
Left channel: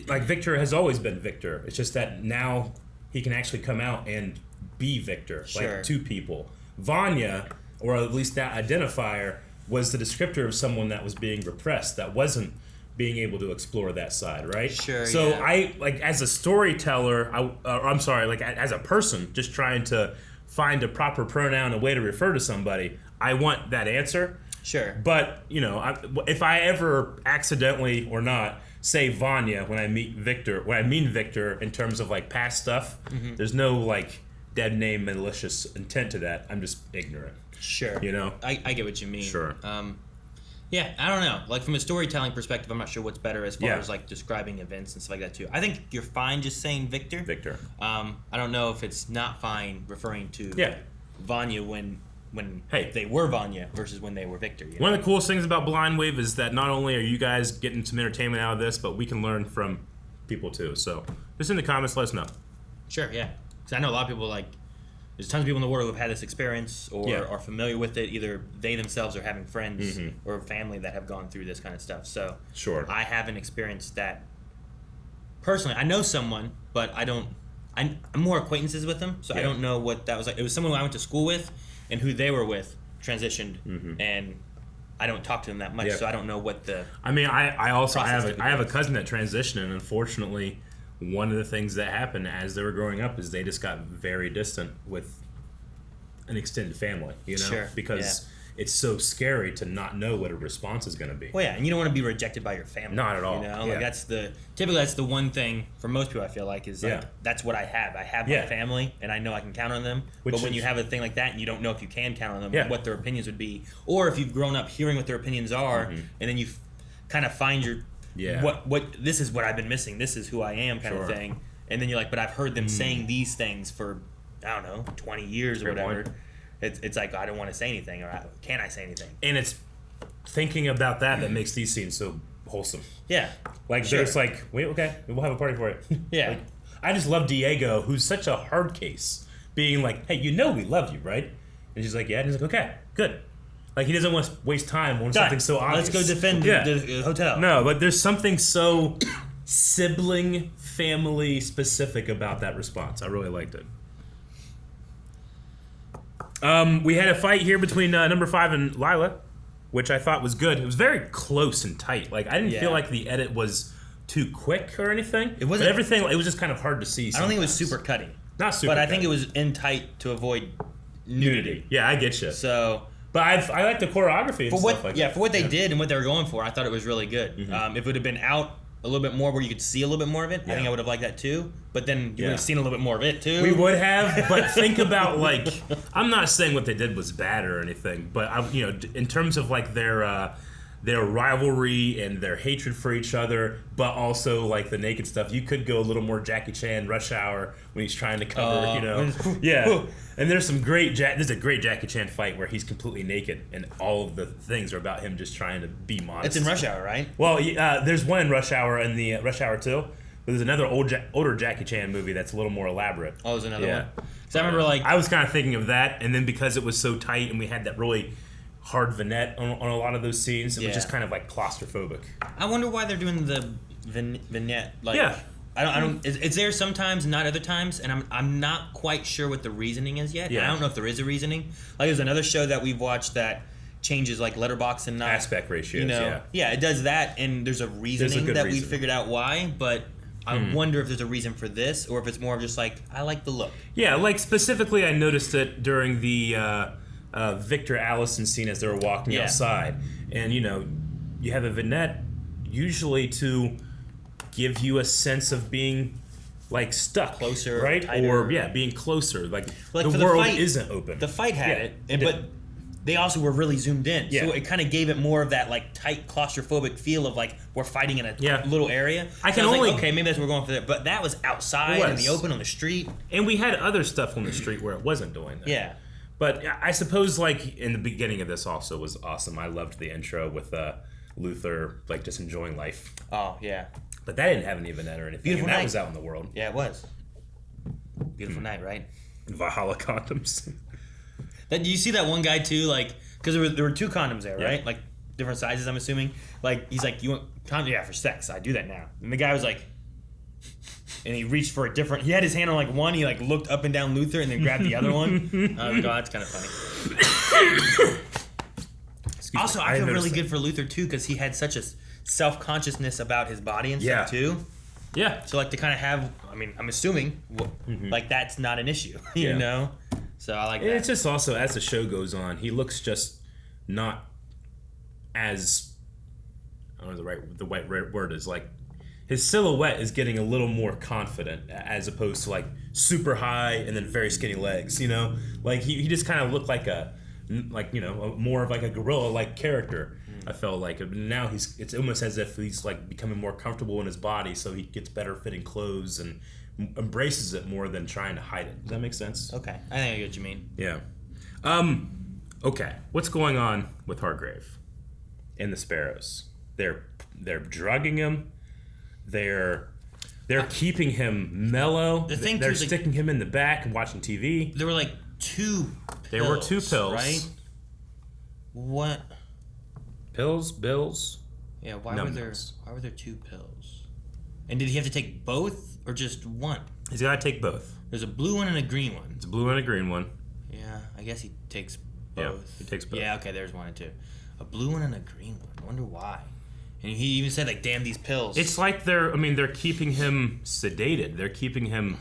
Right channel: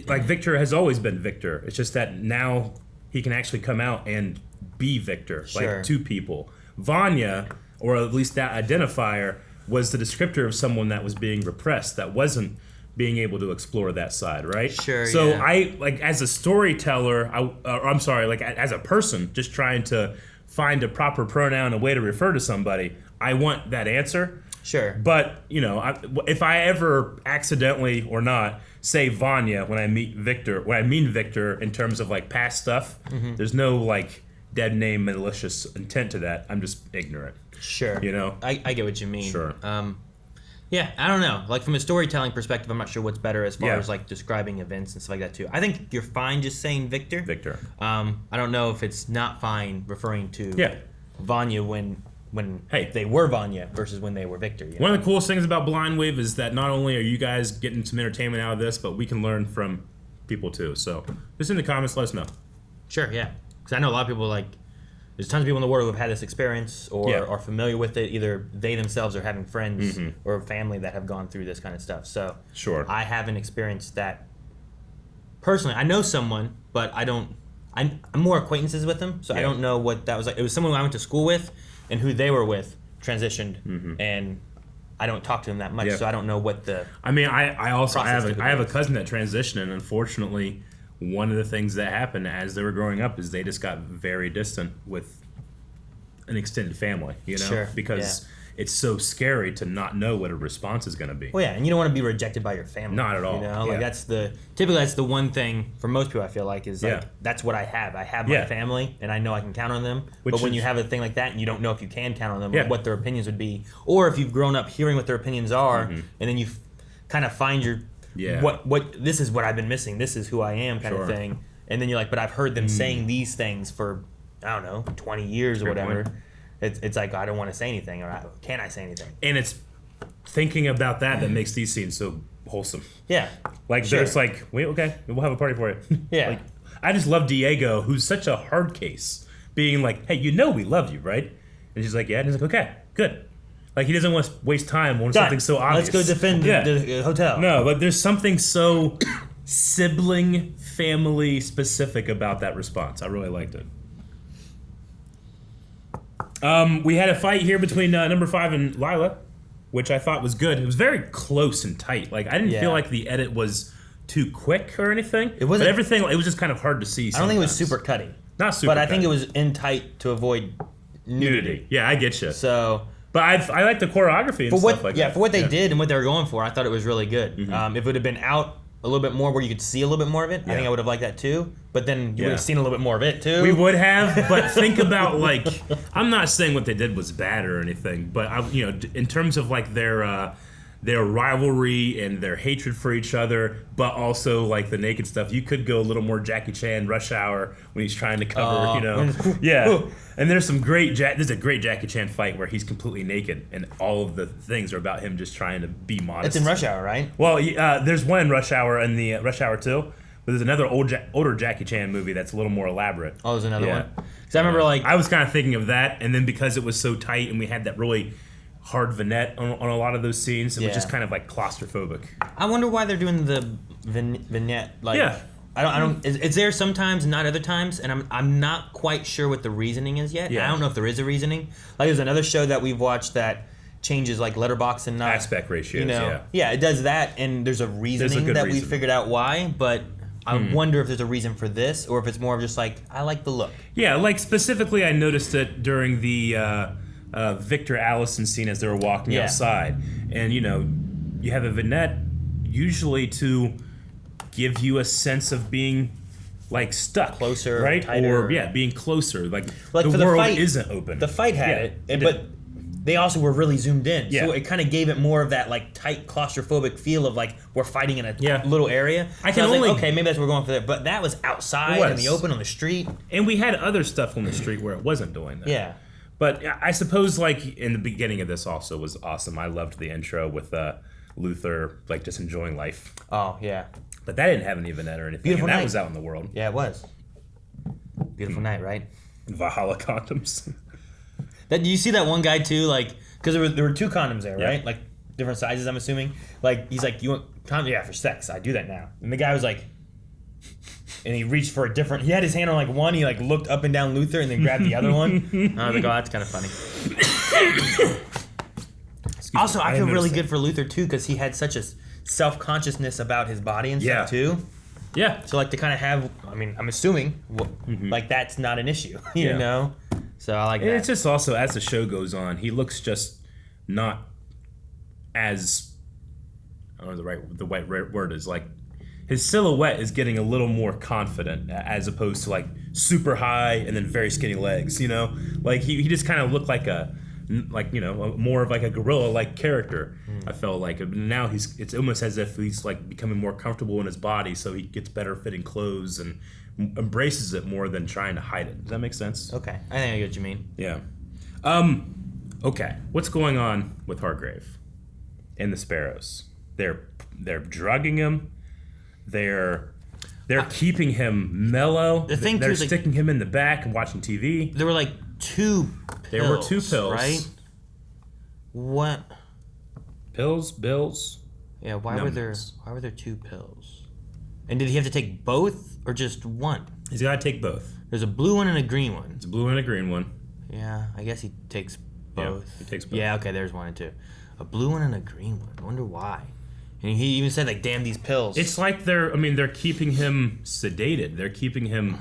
like Victor has always been Victor. It's just that now he can actually come out and be Victor, like to people. Vanya, or at least that identifier, was the descriptor of someone that was being repressed, that wasn't being able to explore that side, right? Sure. So I, like, as a storyteller, as a person just trying to find a proper pronoun, a way to refer to somebody, I want that answer. Sure. But, if I ever accidentally or not say Vanya when I mean Victor in terms of like past stuff, there's no like dead name malicious intent to that. I'm just ignorant. Sure. I get what you mean. Sure. Yeah, I don't know. Like from a storytelling perspective, I'm not sure what's better as far as like describing events and stuff like that too. I think you're fine just saying Victor. Victor. I don't know if it's not fine referring to Vanya when they were Vanya versus when they were Victor. One of the coolest things about Blind Wave is that not only are you guys getting some entertainment out of this, but we can learn from people too. So just in the comments, let us know. Sure, yeah. Because I know a lot of people there's tons of people in the world who have had this experience or are familiar with it. Either they themselves are having friends or family that have gone through this kind of stuff. So I haven't experienced that personally. I know someone, but I'm more acquaintances with them, so I don't know what that was like. It was someone who I went to school with, and who they were with transitioned, and I don't talk to them that much, so I don't know what the. I mean, I also have a cousin that transitioned, and unfortunately, one of the things that happened as they were growing up is they just got very distant with an extended family, because it's so scary to not know what a response is going to be. Well, yeah, and you don't want to be rejected by your family. Not at all. Like that's the one thing for most people I feel like is like that's what I have. I have my family, and I know I can count on them. But when you have a thing like that, and you don't know if you can count on them, or what their opinions would be, or if you've grown up hearing what their opinions are, and then you kind of find your what this is what I've been missing. This is who I am, kind of thing. And then you're like, but I've heard them saying these things for 20 years or whatever. It's like I don't want to say anything, or can I say anything? And it's thinking about that makes these scenes so wholesome. Yeah. Like there's like, wait, okay, we'll have a party for you. Yeah. Like, I just love Diego, who's such a hard case, being like, hey, we love you, right? And she's like, yeah. And he's like, okay, good. Like, he doesn't want to waste time on something so obvious. Let's go defend the hotel. No, but there's something so sibling, family specific about that response. I really liked it. We had a fight here between number 5 and Lila, which I thought was good. It was very close and tight. Like, I didn't feel like the edit was too quick or anything. It wasn't. But everything, it was just kind of hard to see sometimes. I don't think it was super cutty. Not super But I think it was in tight to avoid nudity. Yeah, I get you. So... But I like the choreography and stuff like that. Yeah, for what they did and what they were going for, I thought it was really good. If it would have been out a little bit more where you could see a little bit more of it, I think I would have liked that too. But then you would have seen a little bit more of it too. We would have, but think about like, I'm not saying what they did was bad or anything, but in terms of like their rivalry and their hatred for each other, but also like the naked stuff, you could go a little more Jackie Chan Rush Hour when he's trying to cover, And there's a great Jackie Chan fight where he's completely naked, and all of the things are about him just trying to be modest. It's in Rush Hour, right? Well, there's one in Rush Hour and the Rush Hour 2, but there's another older Jackie Chan movie that's a little more elaborate. Oh, there's another one. Because I remember I was kind of thinking of that, and then because it was so tight and we had that really hard vignette on a lot of those scenes. It was just kind of like claustrophobic. I wonder why they're doing the vignette. Like, I don't. It's there sometimes, not other times, and I'm not quite sure what the reasoning is yet. Yeah. I don't know if there is a reasoning. Like, there's another show that we've watched that changes like letterbox and aspect ratios. Yeah, it does that, and there's a reasoning we figured out why, but. I wonder if there's a reason for this, or if it's more of just like, I like the look. Yeah, like specifically I noticed it during the Victor Allison scene as they were walking outside. And, you have a vignette usually to give you a sense of being, like, stuck. Closer, right? tighter. Or, being closer. Like the world fight, isn't open. The fight had it, but they also were really zoomed in. Yeah. So it kind of gave it more of that like tight claustrophobic feel of like we're fighting in a little area. I was like, okay, maybe that's what we're going for there. But that was outside in the open on the street. And we had other stuff on the street where it wasn't doing that. Yeah. But I suppose like in the beginning of this also was awesome. I loved the intro with Luther like just enjoying life. Oh, yeah. But that didn't have any vignette or anything. Beautiful and that night. was out in the world. Yeah, it was. Beautiful night, right? Valhalla condoms. Do you see that one guy too? Like, because there were two condoms there, right? Like different sizes, I'm assuming. Like he's like, you want condom? Yeah, for sex. I do that now. And the guy was like, and he reached for a different. He had his hand on like one. He like looked up and down Luther, and then grabbed the other one. I was like, oh, that's kind of funny. Also, I feel really good for Luther too, because he had such a self-consciousness about his body and stuff too. Yeah. So like to kind of have, I mean, I'm assuming like that's not an issue, you know. So I like that. It's just also as the show goes on, he looks just not as I don't know the right word is like his silhouette is getting a little more confident as opposed to like super high and then very skinny legs, Like he just kind of looked like more of like a gorilla like character. I felt like now it's almost as if he's like becoming more comfortable in his body, so he gets better fitting clothes and embraces it more than trying to hide it. Does that make sense? Okay, I think I get what you mean. Yeah. Okay. What's going on with Hargrave and the Sparrows? They're drugging him. They're keeping him mellow. They're sticking him in the back and watching TV. There were like two pills. There were two pills, right? What? Bills. Yeah. Why were there two pills? And did he have to take both or just one? He's got to take both. There's a blue one and a green one. It's a blue and a green one. Yeah, I guess he takes both. Yeah, he takes both. Yeah, okay, there's one and two. A blue one and a green one. I wonder why. And he even said, like, damn these pills. It's like they're keeping him sedated. They're keeping him...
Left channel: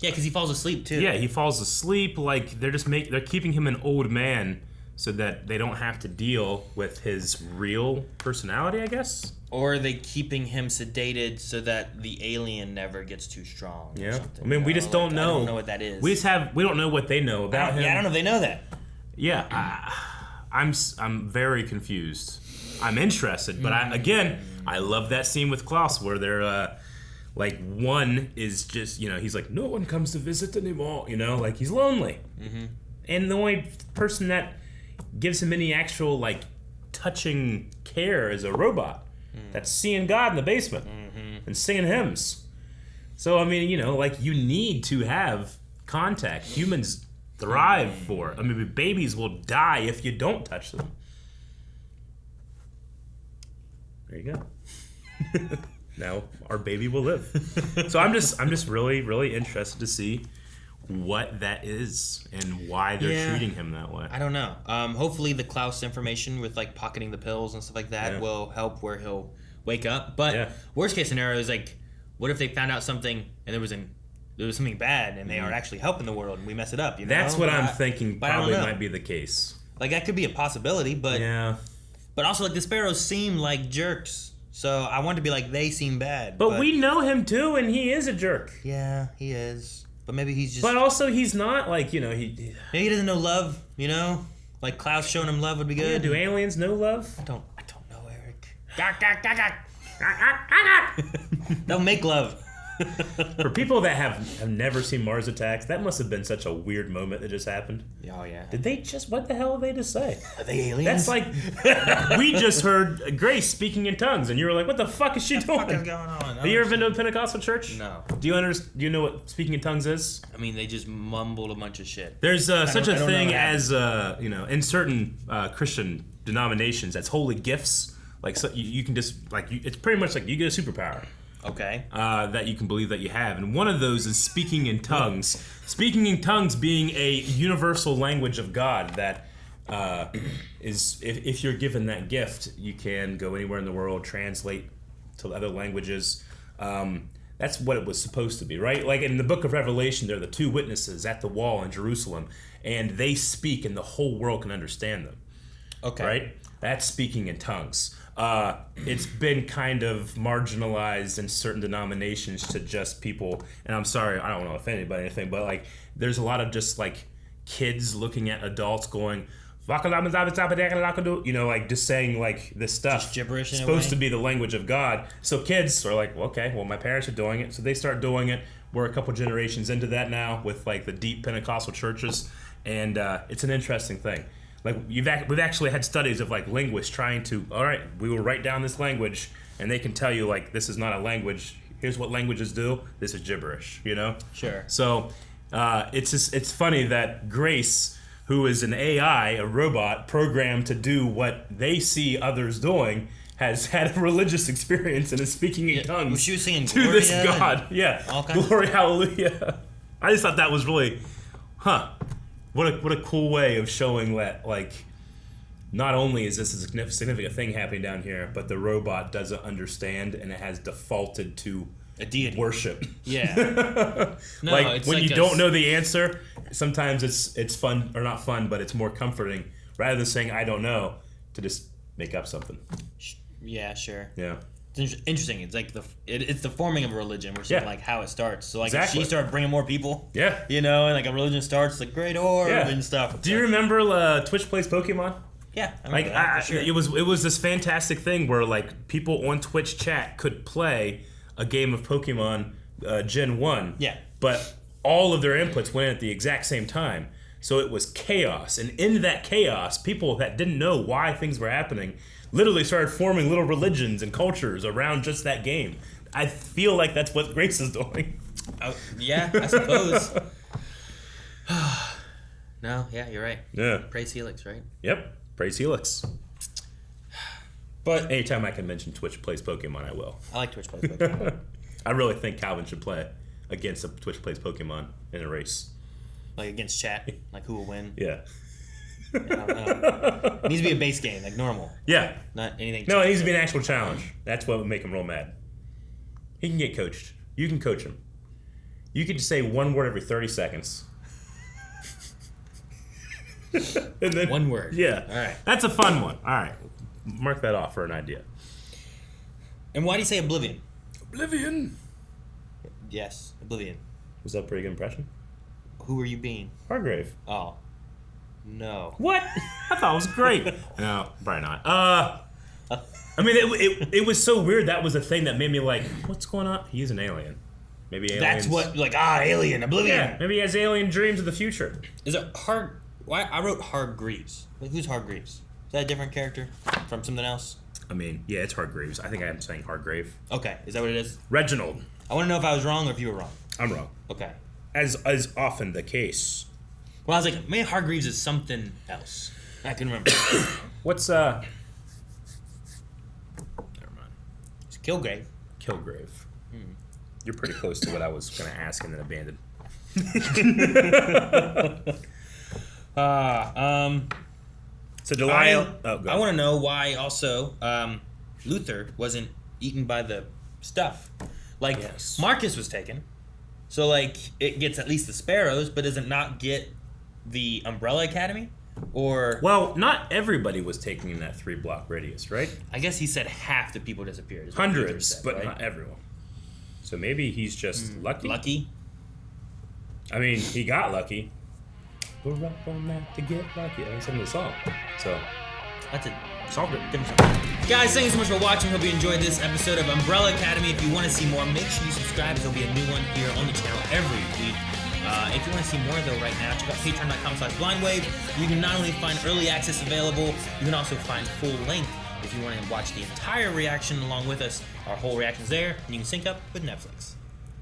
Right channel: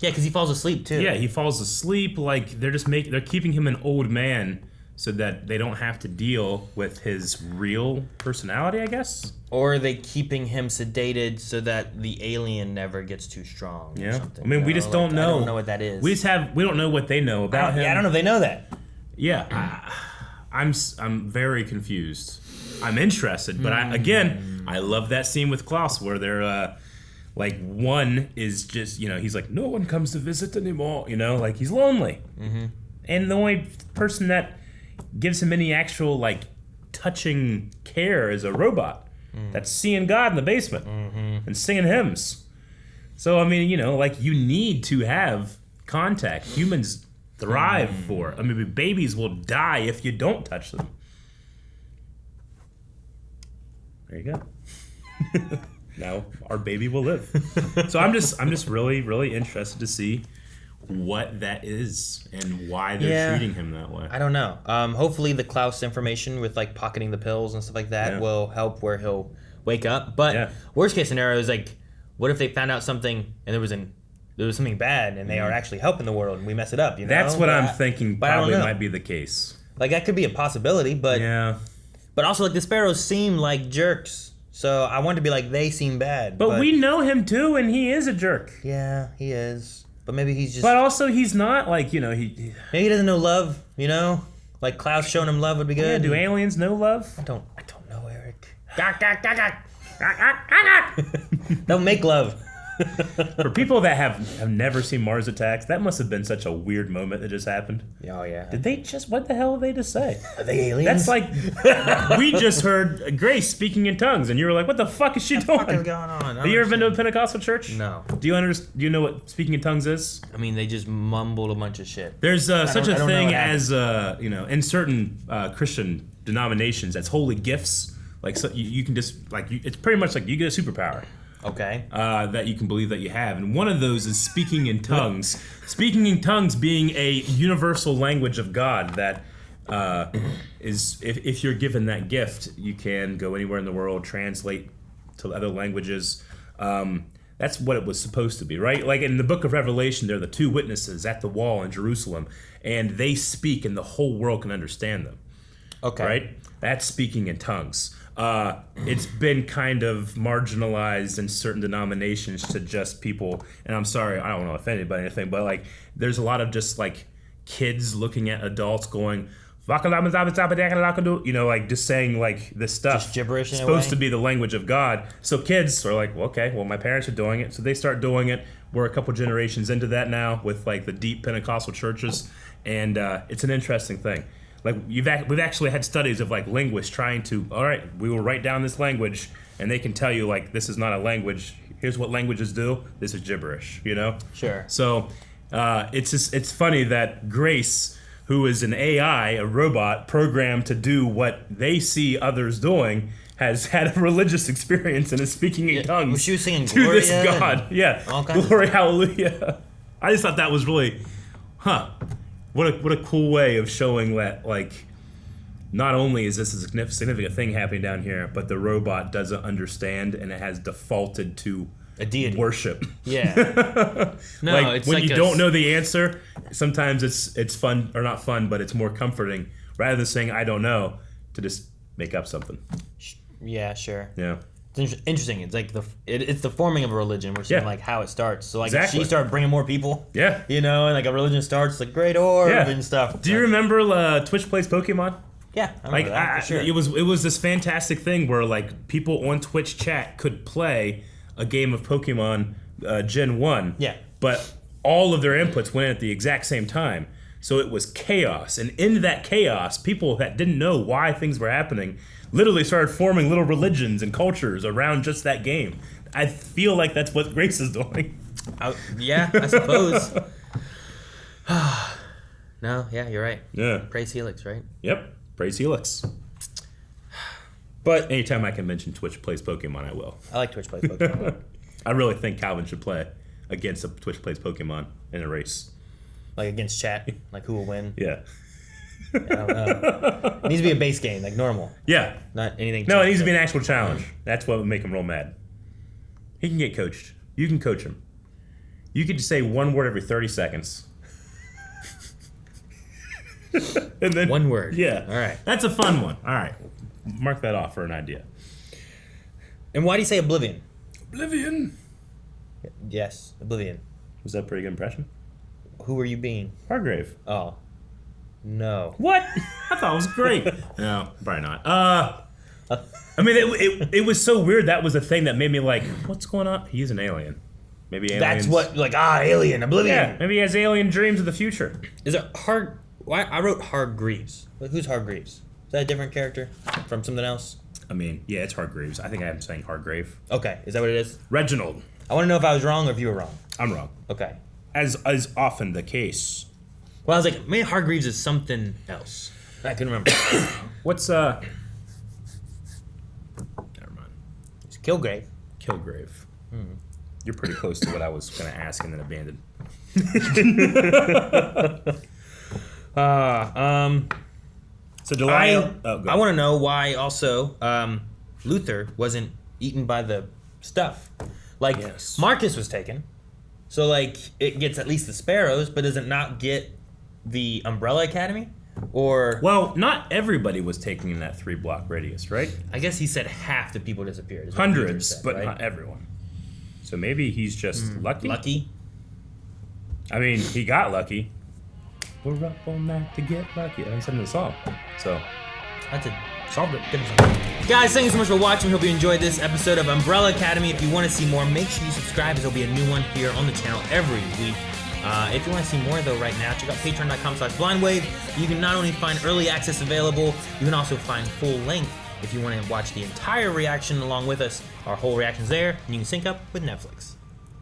Yeah, because he falls asleep, too. Yeah, he falls asleep. Like, they're keeping him an old man so that they don't have to deal with his real personality, I guess? Or are they keeping him sedated so that the alien never gets too strong or something? I mean, we just don't know. I don't know what that is. We don't know what they know about him. Yeah, I don't know if they know that. Yeah, I'm very confused. I'm interested, but I love that scene with Klaus where they're like one is just he's like no one comes to visit anymore, like he's lonely, and the only person that gives him any actual like touching care is a robot that's seeing God in the basement and singing hymns. So I mean, like you need to have contact. Humans thrive for it. I mean, babies will die if you don't touch them. There you go. Now our baby will live. So I'm just really, really interested to see what that is and why they're treating him that way. I don't know. Hopefully the Klaus information with like pocketing the pills and stuff like that will help where he'll wake up. But worst case scenario is like, what if they found out something and there was something bad and they are actually helping the world and we mess it up? That's what I'm thinking probably might be the case. Like that could be a possibility, but But also like the Sparrows seem like jerks. So I want to be like they seem bad. But we know him too, and he is a jerk. Yeah, he is. But maybe he's just. But also, he's not like he. Maybe he doesn't know love. Like Klaus showing him love would be good. Yeah. Do aliens know love? I don't know, Eric. They'll make love. For people that have never seen Mars Attacks, that must have been such a weird moment that just happened. Oh, yeah. Did they just, what the hell did they just say? Are they aliens? That's like, we just heard Grace speaking in tongues, and you were like, what the fuck is she doing? What is going on? Have you ever been to a Pentecostal church? No. Do you know what speaking in tongues is? I mean, they just mumbled a bunch of shit. There's such a thing as, in certain Christian denominations, that's holy gifts. Like, so you can just, like, it's pretty much like you get a superpower. Okay. That you can believe that you have. And one of those is speaking in tongues. Speaking in tongues being a universal language of God that is, if you're given that gift, you can go anywhere in the world, translate to other languages. That's what it was supposed to be, right? Like in the book of Revelation, there are the two witnesses at the wall in Jerusalem, and they speak and the whole world can understand them. Okay. Right? That's speaking in tongues. It's been kind of marginalized in certain denominations to just people, and I'm sorry, I don't want to offend anybody or anything, but like there's a lot of just like kids looking at adults going, you know, like just saying like this stuff. Just gibberish in supposed to be the language of God. So kids are like, well, okay, well my parents are doing it, so they start doing it. We're a couple generations into that now with like the deep Pentecostal churches, and it's an interesting thing. Like we've actually had studies of like linguists trying to, all right, we will write down this language, and they can tell you like this is not a language. Here's what languages do. This is gibberish, you know. Sure. So it's funny that Grace, who is an AI, a robot programmed to do what they see others doing, has had a religious experience and is speaking in tongues. Well, she was singing to Gloria this God. Yeah, Glory, hallelujah. I just thought that was really, What a cool way of showing that, like, not only is this a significant thing happening down here, but the robot doesn't understand and it has defaulted to a deity worship. Yeah. No, like it's when like you don't know the answer, sometimes it's fun, or not fun, but it's more comforting rather than saying I don't know, to just make up something. Yeah, sure. Yeah. It's interesting. It's like it's the forming of a religion. We're seeing like how it starts. So like if she started bringing more people. Yeah. You know, and like a religion starts like great orb and stuff. Do you remember Twitch Plays Pokemon? Yeah, I remember that, for sure. It was this fantastic thing where like people on Twitch chat could play a game of Pokemon Gen 1. Yeah. But all of their inputs went in at the exact same time. So it was chaos. And in that chaos, people that didn't know why things were happening literally started forming little religions and cultures around just that game. I feel like that's what Grace is doing. Yeah, I suppose. No, yeah, you're right. Yeah. Praise Helix, right? Yep. Praise Helix. But anytime I can mention Twitch Plays Pokemon, I will. I like Twitch Plays Pokemon. I really think Calvin should play against a Twitch Plays Pokemon in a race. Like against chat? Like who will win? Yeah. I don't know. It needs to be a base game, like normal. Yeah. Not anything. No, it needs to be an actual challenge. That's what would make him real mad. He can get coached. You can coach him. You could just say one word every 30 seconds. And then, one word. Yeah. All right. That's a fun one. All right. Mark that off for an idea. And why do you say Oblivion? Oblivion. Yes, Oblivion. Was that a pretty good impression? Who were you being? Hargrave. Oh. No. What? I thought it was great. No, probably not. I mean, it was so weird. That was the thing that made me like, what's going on? He's an alien. Maybe aliens. That's what, like, alien, Oblivion. Yeah, maybe he has alien dreams of the future. Is it I wrote Hargreaves. Who's Hargreaves? Is that a different character from something else? I mean, yeah, it's Hargreaves. I think I'm saying Hargrave. Okay, is that what it is? Reginald. I want to know if I was wrong or if you were wrong. I'm wrong. Okay. As often the case. Well, I was like, maybe Hargreaves is something else. I can remember. What's Never mind. It's Kilgrave. Kilgrave. You're pretty close to what I was going to ask and then abandoned. So July. I want to know why also Luther wasn't eaten by the stuff. Like Marcus was taken, so like it gets at least the sparrows, but does it not get the Umbrella Academy? Or well, not everybody was taken in that 3-block radius, right? I guess he said half the people disappeared. Hundreds, said, but right? not everyone. So maybe he's just lucky. Lucky. I mean, he got lucky. We're up all night to get lucky. I mean, some of the song. So that's a Solved it. Guys, thank you so much for watching. Hope you enjoyed this episode of Umbrella Academy. If you want to see more, make sure you subscribe. There'll be a new one here on the channel every week. If you want to see more, though, right now, check out patreon.com/blindwave. You can not only find early access available, you can also find full length if you want to watch the entire reaction along with us. Our whole reaction's there, and you can sync up with Netflix.